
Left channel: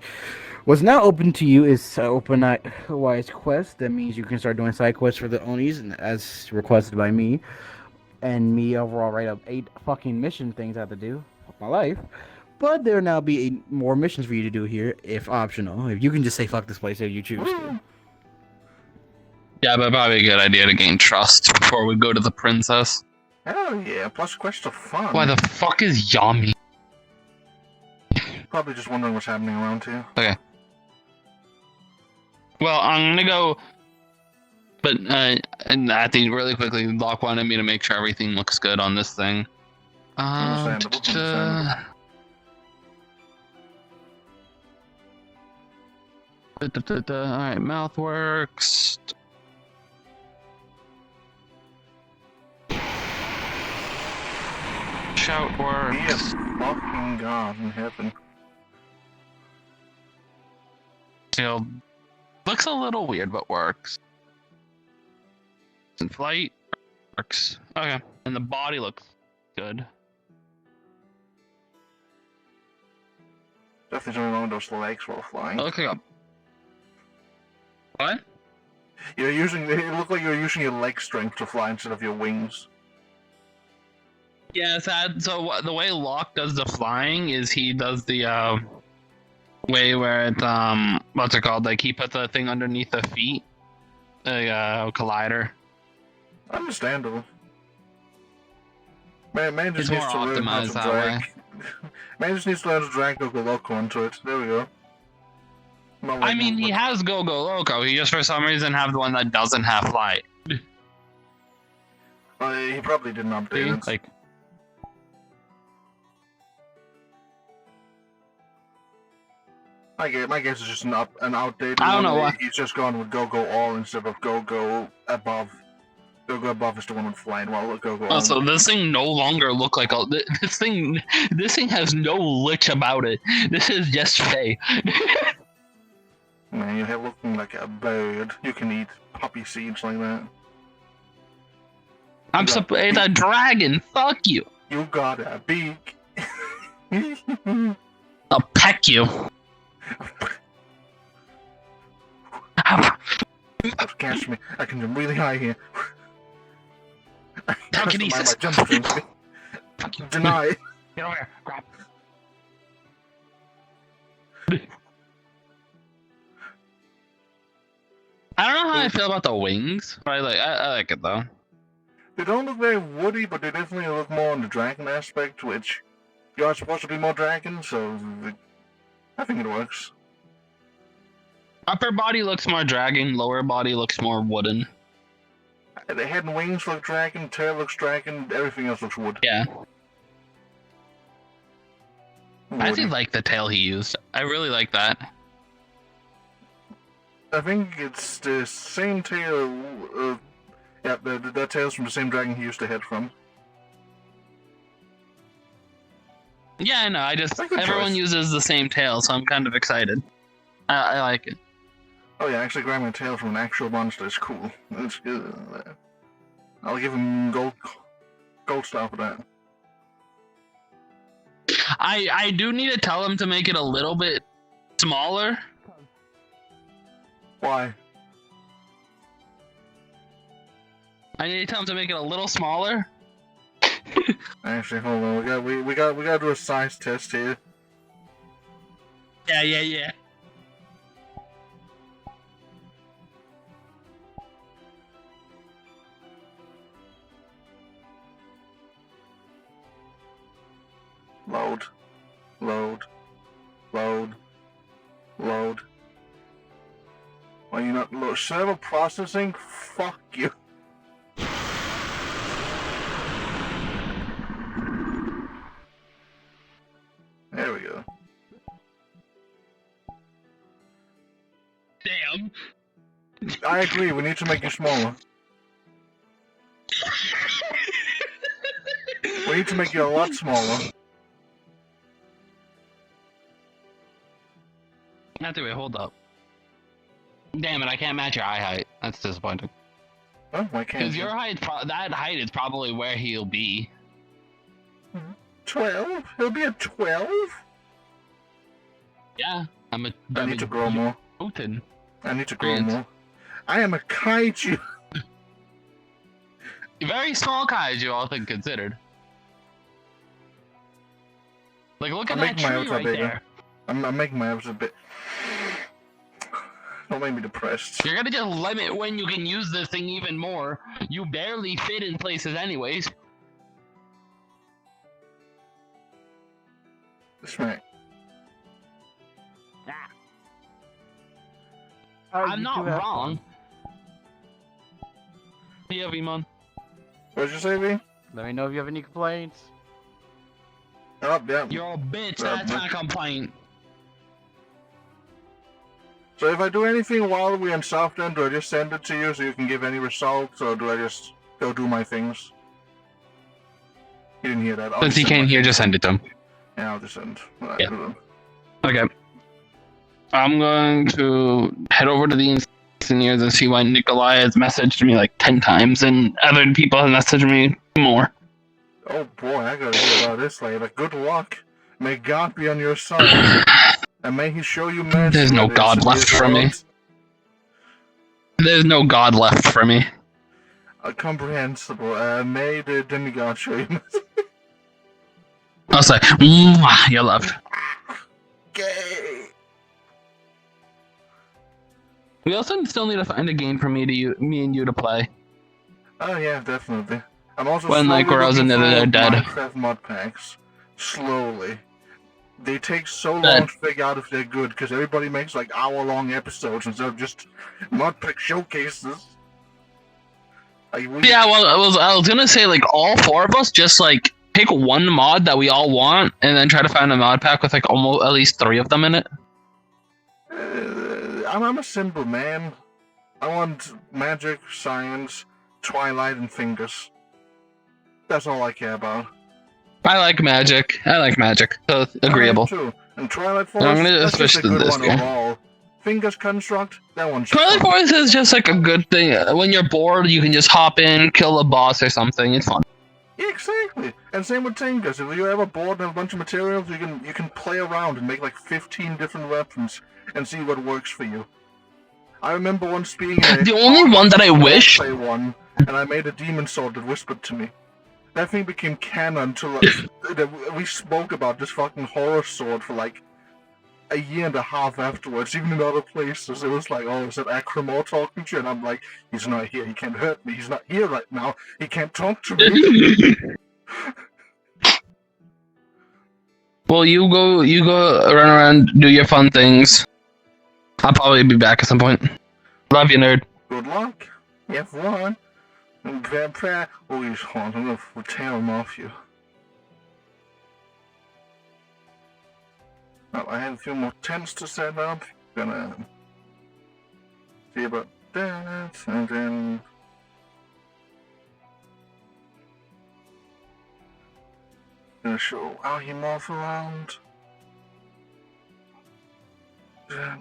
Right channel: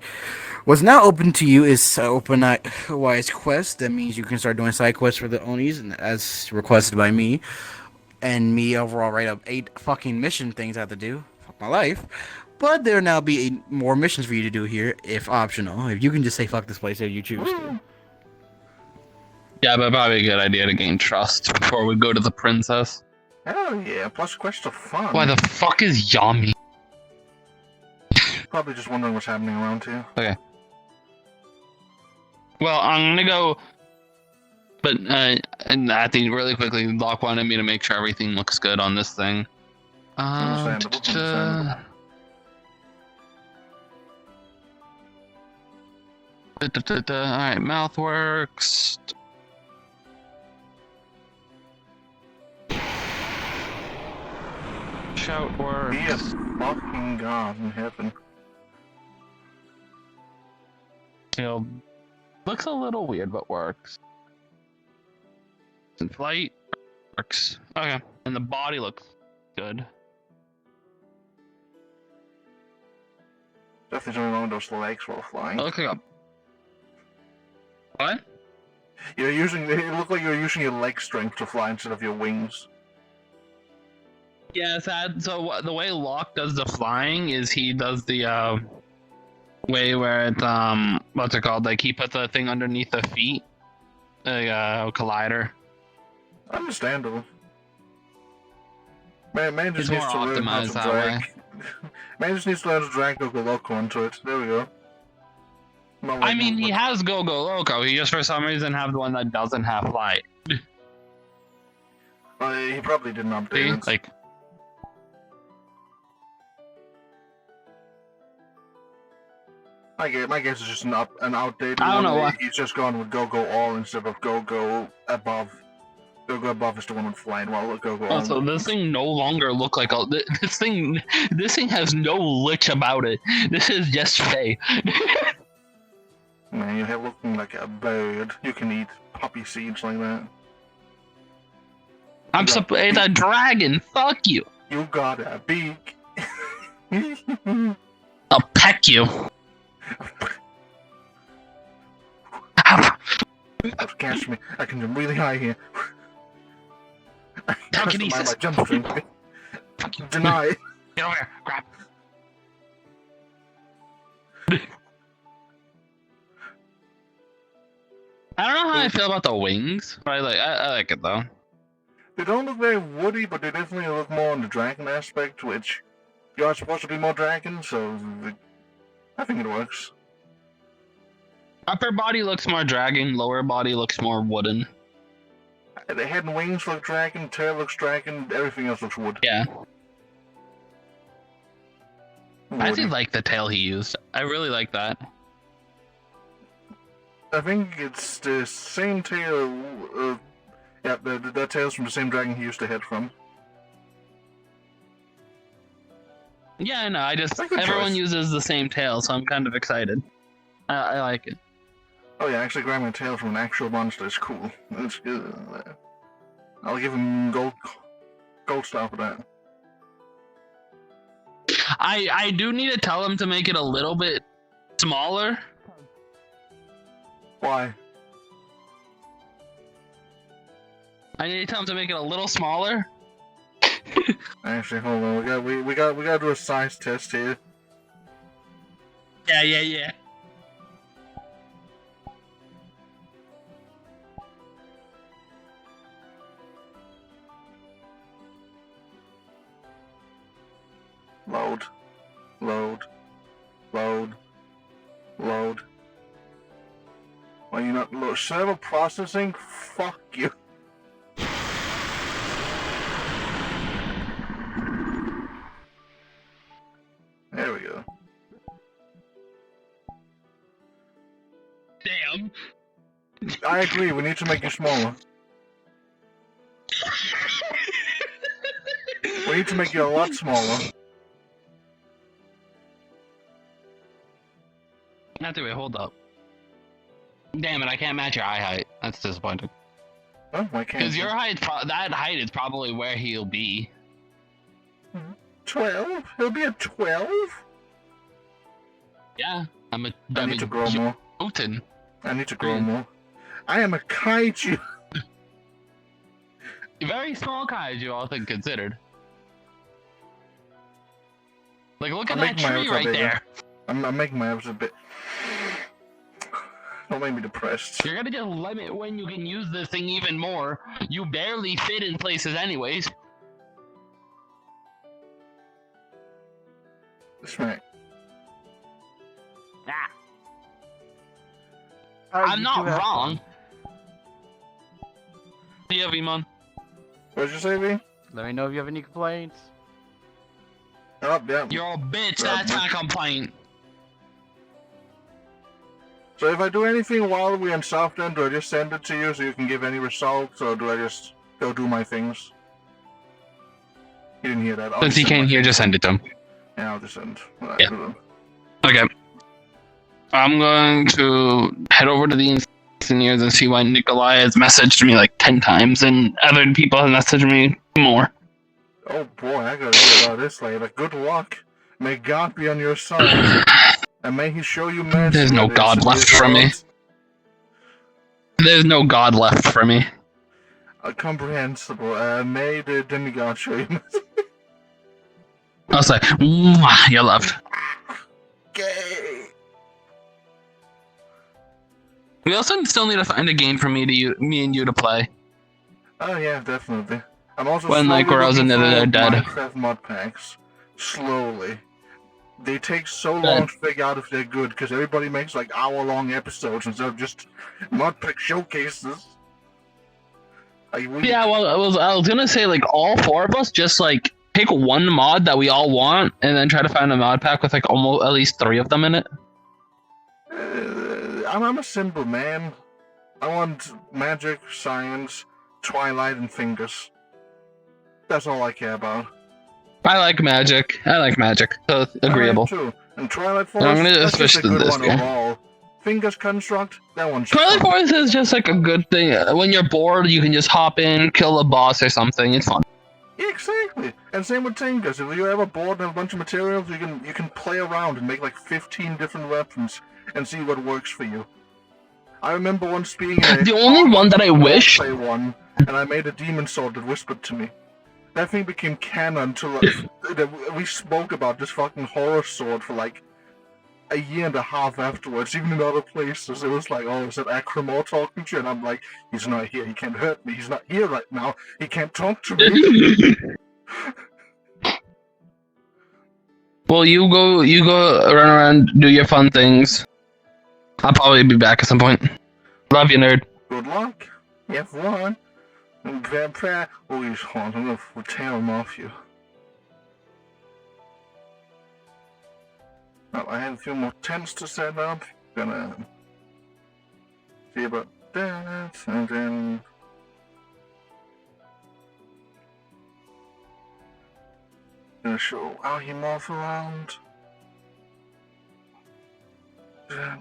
What's now open to you is Open Wise Quest. That means you can start doing side quests for the Onis, and as requested by me. And me overall write up 8 fucking mission things I have to do. Fuck my life. But there will now be 8 more missions for you to do here, if optional. If you can just say fuck this place if you choose to. Yeah, but probably a good idea to gain trust before we go to the princess. Hell yeah, plus quests are fun. Why the fuck is Yami? Probably just wondering what's happening around here. Okay. Well, I'm gonna go, but and I think really quickly, Locke wanted me to make sure everything looks good on this thing. Understandable, understandable. Alright, mouth works. Shout works. Yes, fucking God in heaven. Shield looks a little weird, but works. And flight works. Okay, and the body looks good. Definitely doing one of those legs while flying. It looks like a... What? It looked like you're using your leg strength to fly instead of your wings. Yeah, so the way Locke does the flying is he does the way where it what's it called? Like he put the thing underneath the feet, a collider. Understandable. Man just It's needs to more learn how to optimized that drag. way. Man just needs to learn to drag Goku Loco onto it. There we go. Not I like mean, he movement. has Go Go Loco. He just for some reason have the one that doesn't have flight. He probably didn't update it. Like, My guess is just an outdated I don't one. know why. He's just gone with Go-Go All instead of Go-Go Above. Go-Go Above is the one with flying, while Go-Go All... also, this thing no longer look like a. This thing has no lich about it. This is just Faye. Man, you have looking like a bird. You can eat poppy seeds like that. It's a dragon. Fuck you. You got a beak. I'll peck you. Don't catch me. I can jump really high here. Telekinesis. My jump strength. Fuck you. Deny. Get over here. Grab. I don't know how I feel about the wings, but I like it though. They don't look very woody, but they definitely look more on the dragon aspect, which you are supposed to be more dragon, so I think it works. Upper body looks more dragon, lower body looks more wooden. The head and wings look dragon, tail looks dragon, everything else looks wood. Yeah. I Woody. actually like the tail he used. I really like that. I think it's the same tail. Yeah, that tail's from the same dragon he used the head from. Yeah, no, That's a good everyone choice. uses the same tail, so I'm kind of excited. I like it. Oh yeah, actually grabbing a tail from an actual monster is cool. That's good. I'll give him gold star for that. I do need to tell him to make it a little bit smaller. Why? I need to tell him to make it a little smaller. Actually, hold on. We gotta do a size test here. Yeah. Load. Why you not load? Server processing? Fuck you. There we go. Damn. I agree, we need to make you smaller. We need to make you a lot smaller. Wait, hold up. Damn it, I can't match your eye height. That's disappointing. Huh? Why can't Because you? your height, that height is probably where he'll be. 12? He'll be a 12? Yeah, I need to grow more. Putin. I need to grow more. I am a kaiju! Very small kaiju, all things considered. Like, look at that tree right there. I'm making my avatar a bit... Don't make me depressed. You're gonna just limit when you can use this thing even more. You barely fit in places anyways. That's right. I'm not wrong. Yeah, V-Mon. What'd you say, V? Let me know if you have any complaints. Oh, yeah. You're a bitch, that's not a complaint. So if I do anything while we're in soft end, do I just send it to you so you can give any results, or do I just go do my things? You didn't hear that. Since he can't hear, just send it to him. Yeah, I'll just send. Yeah. Okay. I'm going to head over to the engineers and see why Nikolai has messaged me like 10 times and other people have messaged me more. Oh boy, I gotta hear about this later. Good luck. May God be on your side. And may he show you mercy. There's no God left for me. There's no God left for me. Comprehensible. May the demigod show you mercy. I'll say, mwah, you're loved. Gay. We also still need to find a game for me and you to play. Oh yeah, definitely. I'm also When, like, where I was in the dead. Minecraft mod packs. Slowly. They take so long to figure out if they're good, because everybody makes like hour-long episodes instead of just mod pack showcases. Yeah, well, I was gonna say, like, all four of us just, like, pick one mod that we all want, and then try to find a mod pack with, like, almost at least 3 of them in it. I'm a simple man. I want magic, science, Twilight, and fingers. That's all I care about. I like magic. So agreeable. Too. And Twilight Force, I'm gonna that's switch just a to good this one game. overall. Fingers Construct, that one's Twilight fun. Force is just like a good thing. When you're bored, you can just hop in, kill a boss or something. It's fun. Yeah, exactly. And same with Tinkas. If you're ever bored and have a bunch of materials, you can play around and make like 15 different weapons and see what works for you. I remember once being in The only one that I wish... play one, and I made a demon sword that whispered to me. That thing became canon to like, we spoke about this fucking horror sword for like a year and a half afterwards, even in other places, it was like, oh, is that Akramor talking to you? And I'm like, he's not here, he can't hurt me, he's not here right now, he can't talk to me. Well, you go run around, do your fun things. I'll probably be back at some point. Love you, nerd. Good luck. You have fun. And Vampire, oh, he's hot. I'm gonna tear him off you. Well, I have a few more tents to set up. Gonna see about that, and then gonna show Ahimoff around. That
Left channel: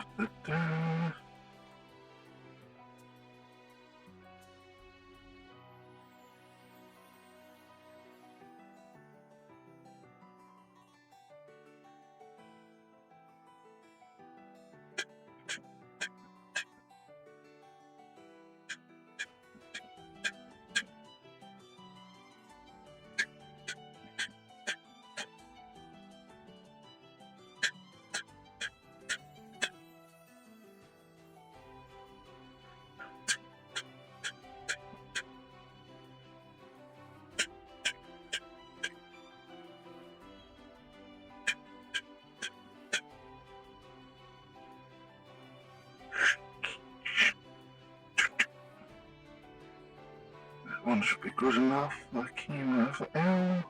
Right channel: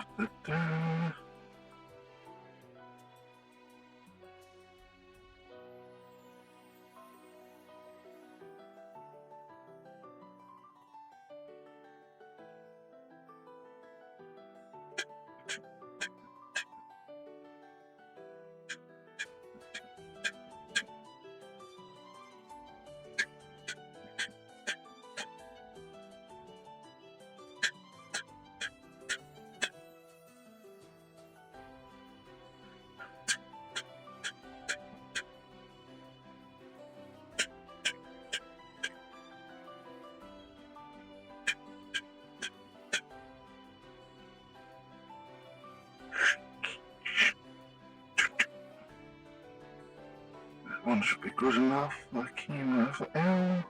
one should be good enough. The key for L.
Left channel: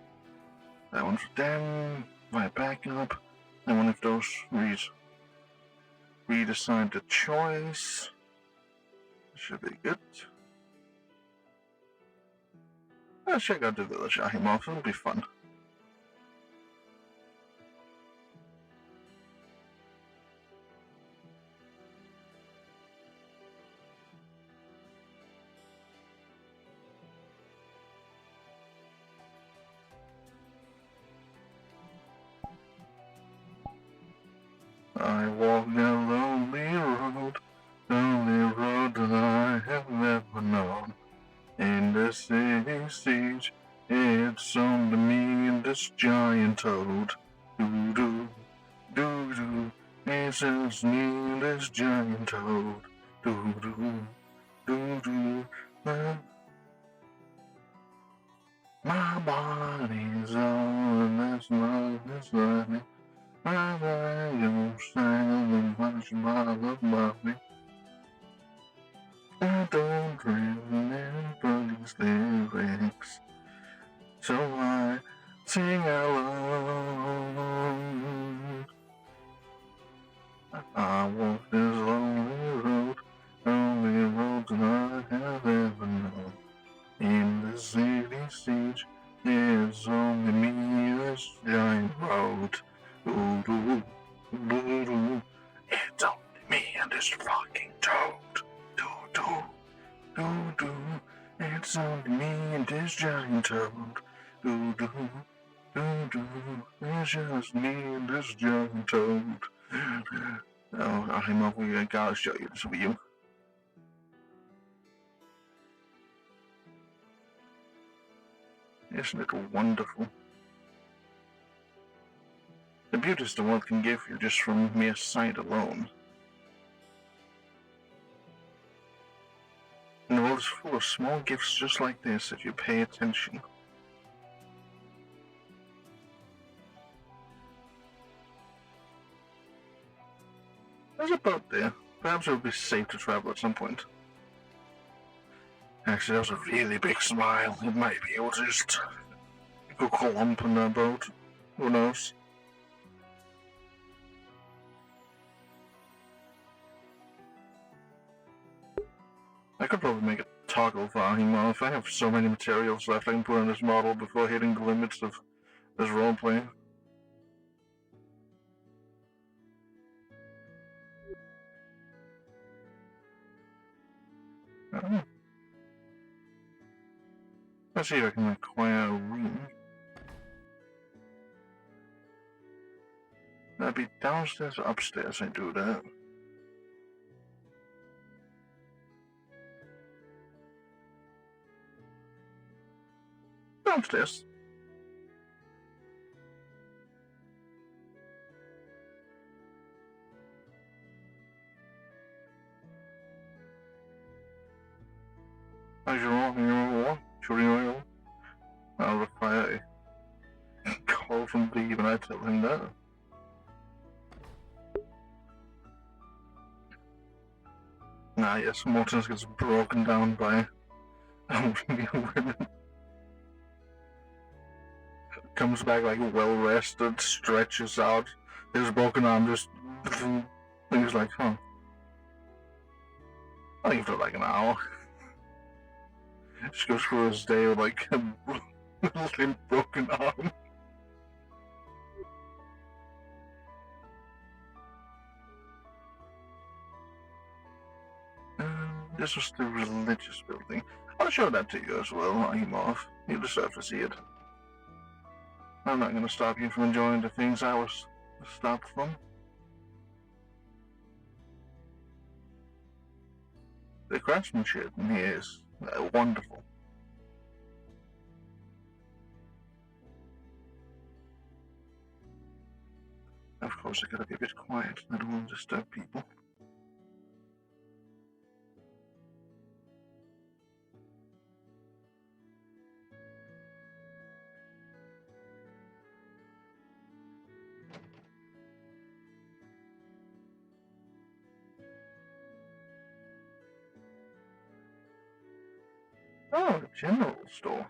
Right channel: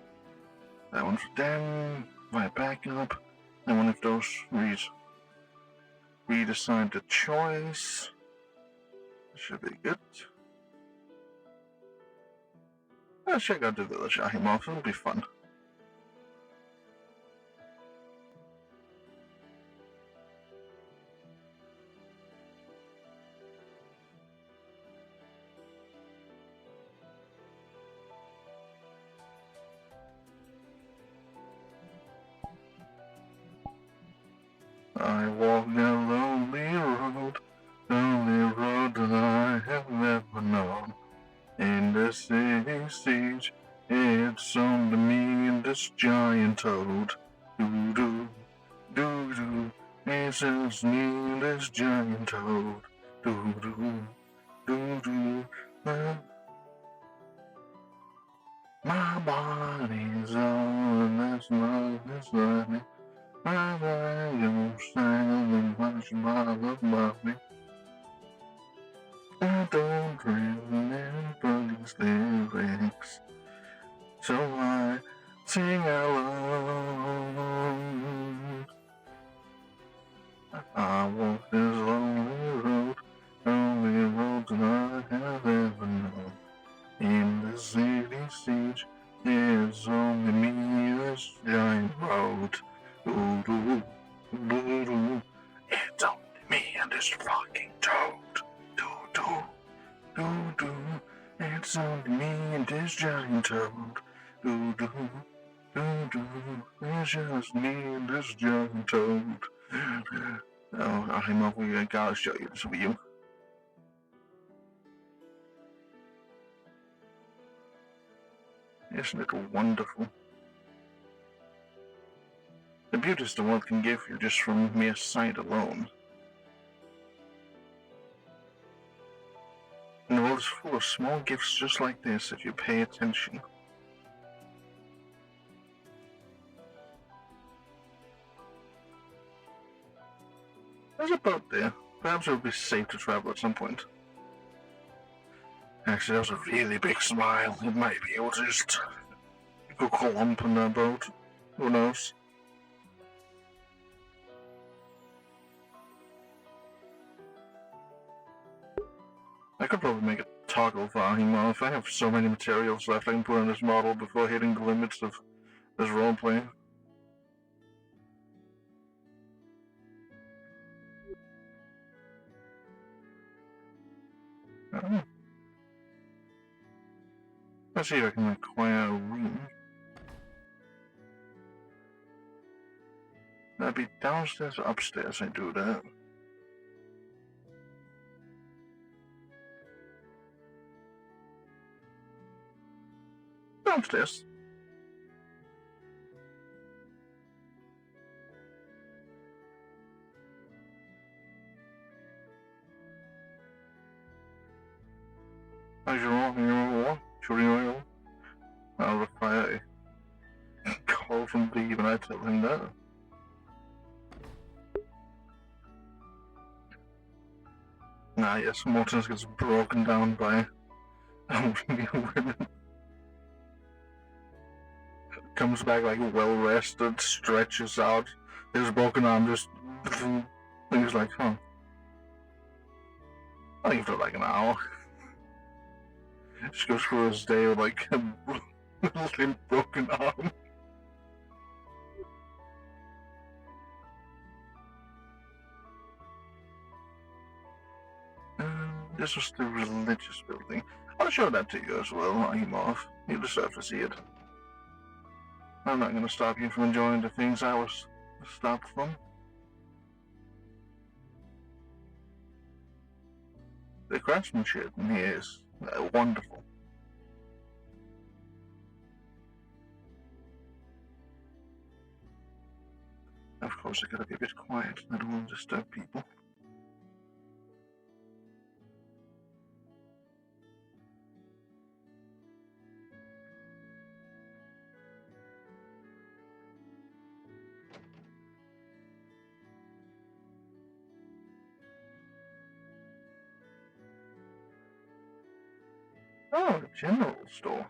That one for them. My backup. And one of those redesign the choice. Should be good. Let's check out the village Ahimoff. It'll be fun. I walk down lonely road that I have never known. In the city siege, it's on to me and this giant toad. Doo-doo, doo-doo, it's just me and this giant toad. Doo-doo, doo-doo, my body's on, that's my design. I don't sound much about me. I don't remember these lyrics, so I sing alone. I walk this lonely road that I have ever known. In the city siege, there's only me, this giant road. Doo-doo, doo-doo. It's only me and this fucking toad. Doo-doo, doo-doo. It's only me and this giant toad. Doo-doo, doo-doo. It's just me and this giant toad. Oh, Ahimoff, we gotta show you this view. Isn't it wonderful? The beauties the world can give you just from mere sight alone. And the world is full of small gifts just like this if you pay attention. There's a boat there. Perhaps it would be safe to travel at some point. Actually, that was a really big smile. It might be able to just go clump on that boat. Who knows? I could probably make a toggle for Ahimoff. I have so many materials left I can put on this model before hitting the limits of this roleplay. Oh. Let's see if I can acquire a room. That'd be downstairs or upstairs I do that. Downstairs. I'll reply a call from B when I tell him that. Ah, yes, Mortisian gets broken down by women. Comes back like well rested, stretches out, his broken arm just. He's like, huh. I think for like an hour. Just goes through his day with like a limp broken arm. This was the religious building. I'll show that to you as well, Ahimov. You deserve to see it. I'm not going to stop you from enjoying the things I was stopped from. The craftsmanship in here is wonderful. Of course, I gotta be a bit quiet. I don't want to disturb people. Oh, a general store.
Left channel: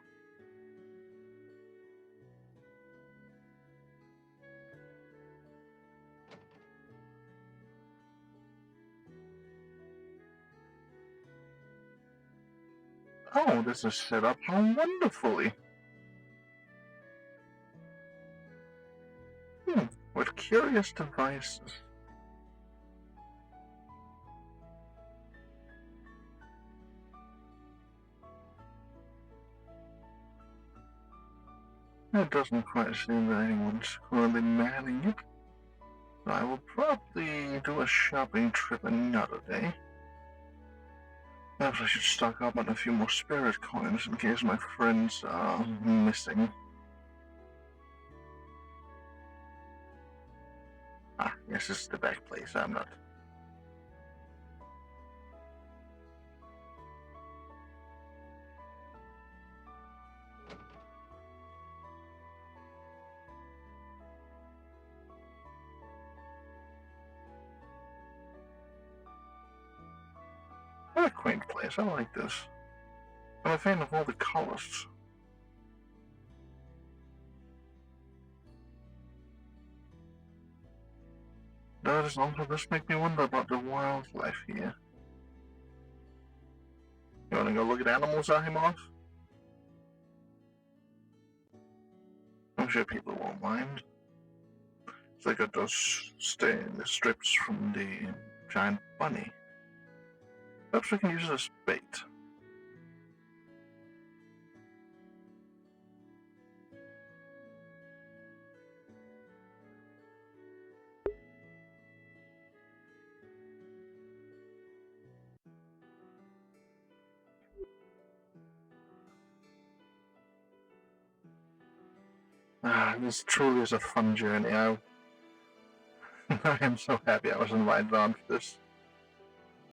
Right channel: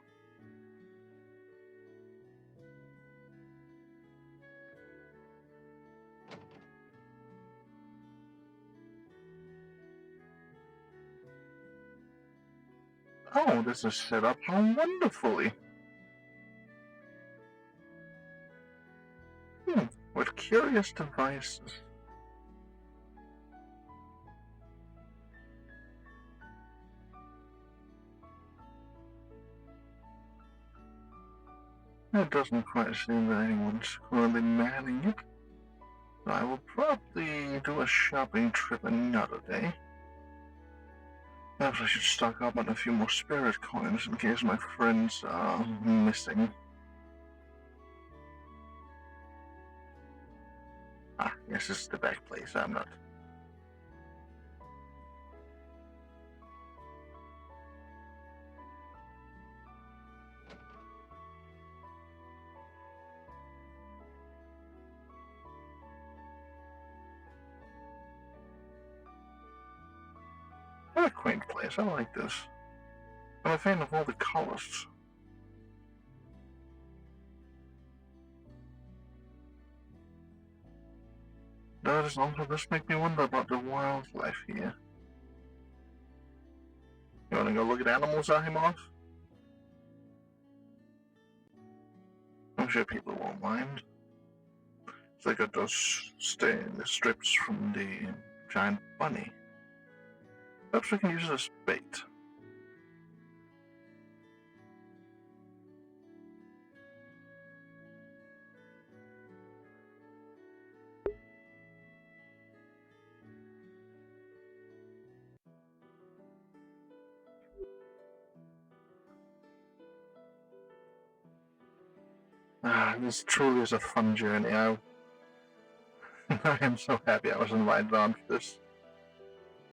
Oh, this is set up how wonderfully. What curious devices. It doesn't quite seem that anyone's currently manning it. I will probably do a shopping trip another day. Perhaps I should stock up on a few more spirit coins in case my friends are missing. Ah, yes, this is the back place. I'm not. What a quaint place. I like this. I'm a fan of all the colors. Does also this make me wonder about the wildlife here? You wanna go look at animals, Ahimov? I'm sure people won't mind. They got those strips from the giant bunny. Perhaps we can use it as bait. Ah, this truly is a fun journey. I am so happy I was invited on for this.